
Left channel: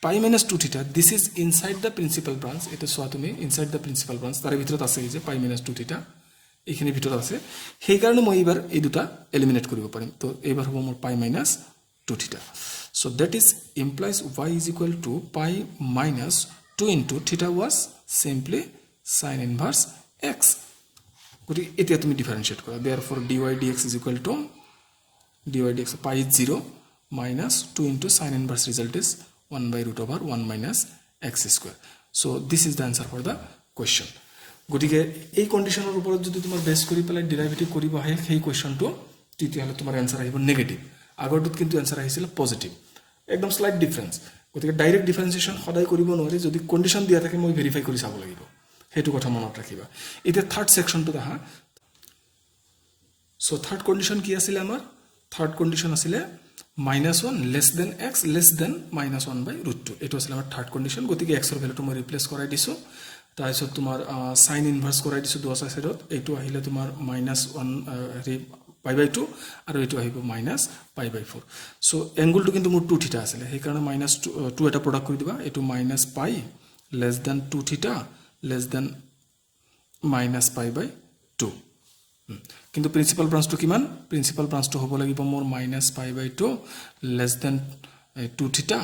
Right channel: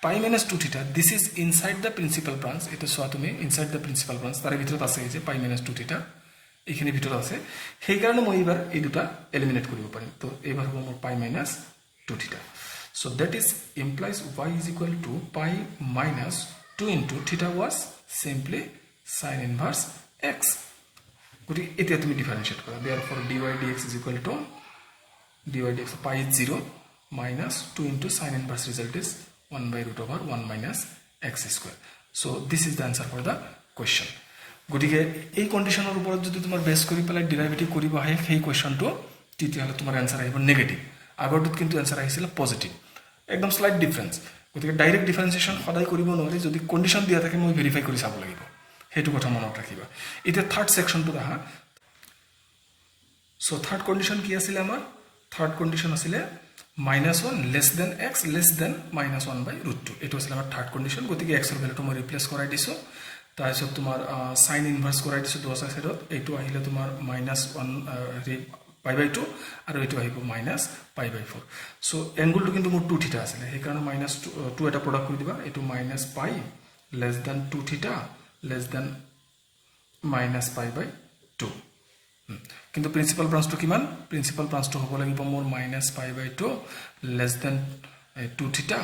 pi minus 2 theta this is inside the principal branch এটা সোয়া তুমি inside the principal branch তার ভিতৰত আছে যে pi minus 2 theta এখানে ভিতৰত আছে সেই কাৰণে মই এবাৰ এই দুটা এলিমিনেট কৰিব পাৰিম তো এবাৰ হ'ব মোৰ pi minus 2 theta so that is implies y is equal to pi minus 2 into theta was simply sin inverse x গতি এতিয়া তুমি ডিফারেন্সিয়েট কৰা therefore dy dx is equal to dy dx pi is 0 minus 2 into sin inverse result is 1 by root over 1 minus x square. So this is the answer for the question. গতিকে এই কন্ডিশনৰ ওপৰত যদি তোমাৰ base কৰি পেলাই derivative কৰিব আহে সেই কোৱেশ্চনটো তেতিয়াহলে তোমাৰ আনসাৰ আহিব নেগেটিভ আগৰটোত কিন্তু আনসাৰ আহিছিল পজিটিভ একদম স্লাইট ডিফাৰেন্স গতিকে ডাইৰেক্ট ডিফাৰেন্সিয়েশন সদায় কৰিব নোৱাৰি যদি কন্ডিশন দিয়া থাকে মই ভেৰিফাই কৰি চাব লাগিব হেতু কথা মনত ৰাখিবা এতিয়া থাৰ্ড সেকশনটো আহা সো থাৰ্ড কন্ডিশন কি আছিল আমাৰ থাৰ্ড কন্ডিশন আছিল minus 1 less than x less than minus 1 by root 2 এটো আছিল আমাৰ থাৰ্ড কন্ডিশন গতিকে x এৰ ভ্যালুটো মই ৰিপ্লেস কৰাই দিছো তাৰপিছত তোমাৰ sin ইনভাৰ্স কৰাই দিছো দুটা সাইডত এটো আহিলে তোমাৰ -1 pi by 2 আৰু এটো আহিব -pi by 4 সো এংগলটো কিন্তু মোৰ 2 থিটা আছিল সেই কাৰণে -2 এটা প্ৰডাক্ট কৰি দিবা এটো -pi less than 2 theta less than -pi by 2 কিন্তু প্রিন্সিপাল ব্রাঞ্চটো কিমান প্রিন্সিপাল ব্রাঞ্চটো হ'ব লাগিব মোৰ -pi by 2 less than 2 theta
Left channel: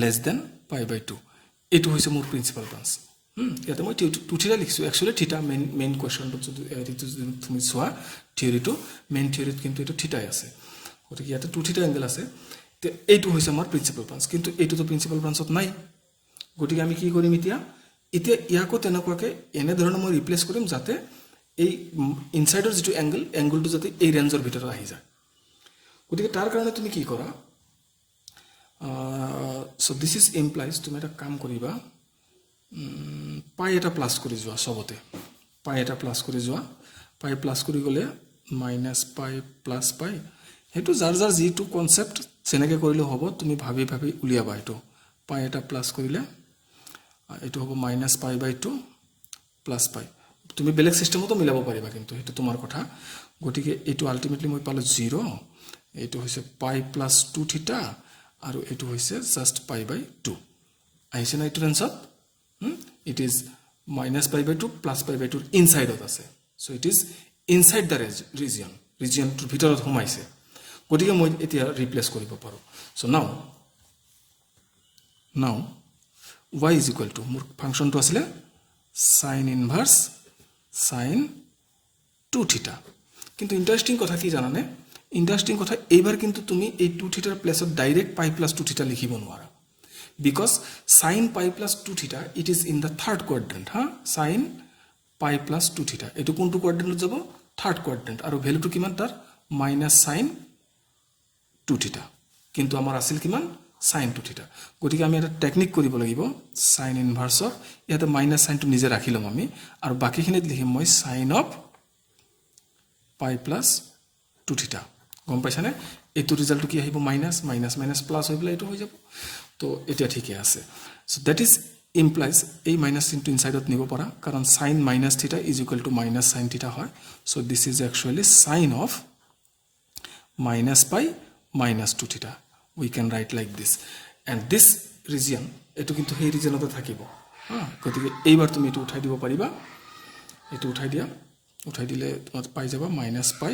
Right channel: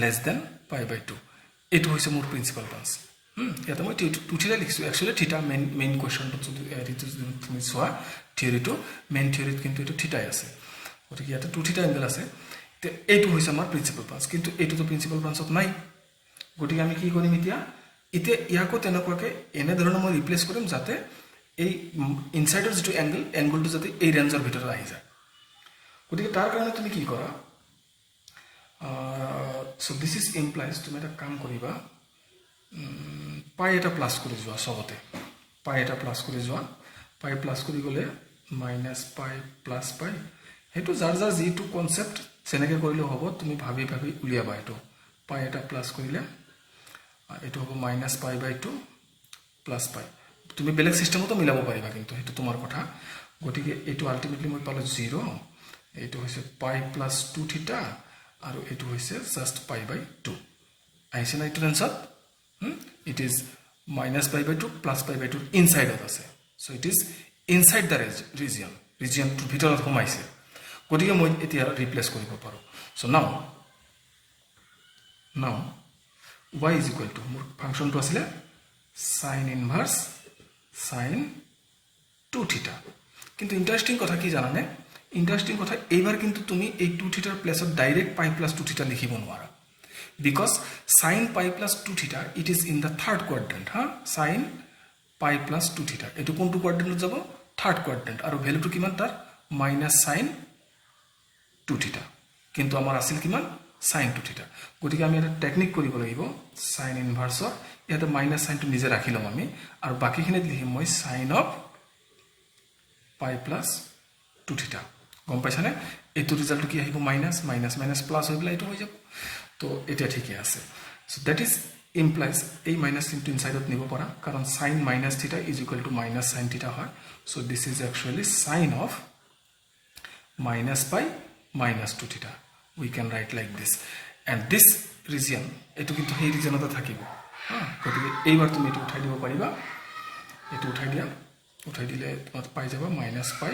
less than pi by 2 এটো হৈছে মোৰ প্ৰিন্সিপাল ব্ৰাঞ্চ ইয়াতে মই 2 theta লিখিছো একচুয়ালি থিটা মেইন কোৱেশ্চনটো যদি তুমি সোৱা থিওৰিটো মেইন থিওৰিত কিন্তু এটো থিটাই আছে গতিকে ইয়াতে 2 theta এংগল আছে তে এটো হৈছে আমাৰ প্ৰিন্সিপাল ব্ৰাঞ্চ কিন্তু এটো তো প্ৰিন্সিপাল ব্ৰাঞ্চত নাই গতিকে আমি কি কৰিম এতিয়া ইয়াকো তেনেকুৱাকে এনে ধৰণৰ মই ৰিপ্লেস কৰিম যাতে এই ইনসাইডৰ যেটো এংগলটো যাতে এই ৰেঞ্জৰ ভিতৰত আহি যায় গতিকে তাৰ কাৰণে তুমি কি কৰা সো দিস ইজ ইমপ্লাইজ তুমি এটা কাম কৰিবা পাই এটা প্লাস কৰি যোৱা সবতে পাই এটা প্লাস কৰি যোৱা পাই প্লাস কৰি গলে -pi প্লাস পাই হেতু যাৰ যেটো কনসেপ্ট সেনেকে কৰিলে হ'ব তুমি ভাবি উলিয়াবা এটো পাই এটা প্লাস কৰিলে এটো হ'ব -pi by 2 প্লাস পাই তুমি বেলেগ সিস্টেমতো মিলাব পাৰিবা কিন্তু এটো তোমাৰ কথা গতিকে এটো আলটিমেটলি মই পালে 0 এটো হৈছে pi plus 2 theta আৰু এটো হৈছে জাস্ট pi by 2 আহিছে না এটো answer it is -pi by 2 plus pi by 2 inside আছে so it is inside the region টু ভিতৰত সোমাইছে গতিকে মই এতিয়া ৰিপ্লেস কৰিব পাৰো so now y is equal to মোৰ ফাংশনটো আছিল sin inverse sin 2 theta কিন্তু ইন্টাৰেস্টিং কথা কি জানানে ইন্টাৰেস্টিং কথা এইবাৰ কিন্তু তুমি এই 2 থিটাৰ প্লেসত ডাইৰেক্ট pi plus 2 theta লিখিব নোৱাৰা because sin pi plus 2 theta it is in the third quadrant sin pi plus 2 theta এটো কোনটো কোয়াড্রেন্টত যাব থার্ড কোয়াড্রেন্ট আৰু ভ্যালুটো কিমান তাৰ -sin 2 theta কিন্তু আমাৰ আছিল কিমান sin 2 theta গতিকে আমি এটা টেকনিক কৰিব লাগিব sin ইনভাৰ্স ইয়াতে মাইনাস সাইনটো নিজে ৰাখি লম আমি আৰু বাকিখিনিত লিখিম মই sin of pi plus 2 theta গম পাইছানে এটো ৰিজাল্ট কি আহিব মাইনাস প্লাস হৈ গলে এটো হৈ যাব তো এটা ঠিকই আছে সো দ্যাট ইজ implies এই মাইনাস ইনটু ইনসাইডত নিব পাৰা কাৰণ sin minus theta is equal to minus sin theta হয় so this is actually sin of -pi minus 2 theta we can write like this and this region এটো কিন্তু সেই রিজনতে থাকিব গতিকে এইবাৰ তুমি এটো উঠাই দিব পাৰিবা এটো উঠাই দিলে তুমি পাই যাবা -pi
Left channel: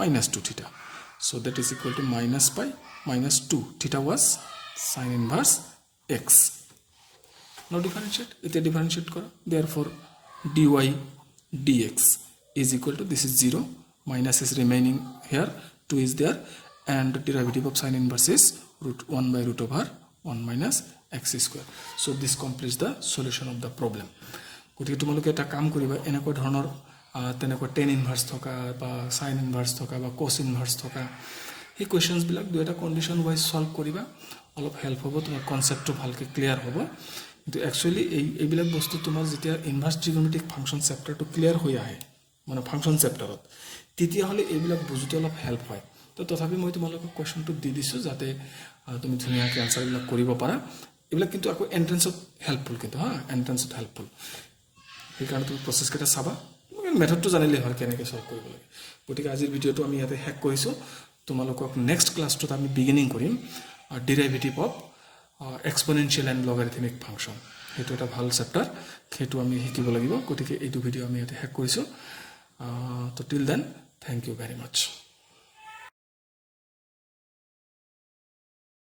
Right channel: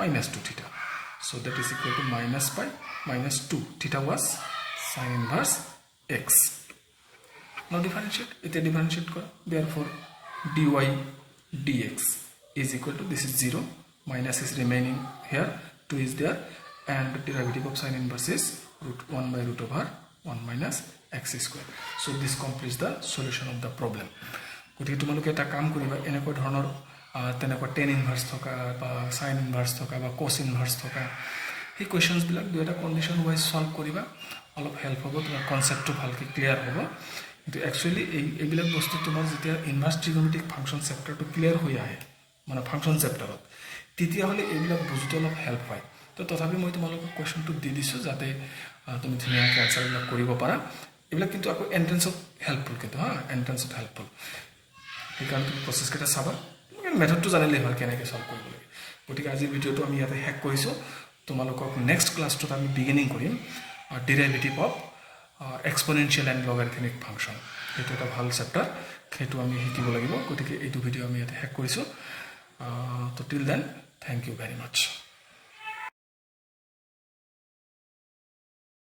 minus 2 theta so that is equal to -pi minus 2 theta was sin inverse x now differentiate kor therefore dy dx is equal to this is 0 minus is remaining here 2 is there and the derivative of sin inverse is √1 by √1 minus x square so this completes the solution of the problem গতিকে তোমালোকে এটা কাম কৰিবা এনেকৈ ধৰণৰ তেনেকৈ tan inverse থকা বা sin inverse থকা বা cos inverse থকা এই কোৱেশ্চনছ বিলাক দুটা কন্ডিশন ওয়াইজ সলভ কৰিবা অলপ হেল্প হ'ব, তোমাৰ কনচেপ্টটো ভালকৈ ক্লিয়াৰ হ'ব। কিন্তু একচুৱেলি এইবিলাক বস্তু তোমাৰ যেতিয়া ইনভাৰ্ছ ট্ৰিগনমেট্ৰিক ফাংচন চেপ্টাৰটো ক্লিয়াৰ হৈ আহে, মানে ফাংচন চেপ্টাৰত, তেতিয়াহ'লে এইবিলাক বুজোতে অলপ হেল্প হয়। তো তথাপি মই তোমালোকক কুৱেশ্যনটো দি দিছোঁ যাতে তুমি ধুনীয়াকৈ আনচাৰবিলাক কৰিব পাৰা। এইবিলাক কিন্তু আকৌ এণ্ট্ৰেঞ্চত হেল্পফুল, কিন্তু এণ্ট্ৰেঞ্চত হেল্পফুল। সেইকাৰণে তুমি প্ৰচেছকেইটা চাবা, মেথডটো জানিলেই হয় কেনেকৈ চল্ভ কৰিব লাগে। গতিকে আজিৰ ভিডিঅ'টো আমি ইয়াতে শেষ কৰিছোঁ। তোমালোকক নেক্সট ক্লাছটোত আমি বিগিনিং কৰিম derivative of এক্সপনেনচিয়েল and logarithmic function. সেইটো এটা ভাল চেপ্টাৰ, সেইটো আমি শিকিব লাগিব। গতিকে এইটো ভিডিঅ' আমি ইয়াতে শেষ কৰিছোঁ। তো till then, thank you very much.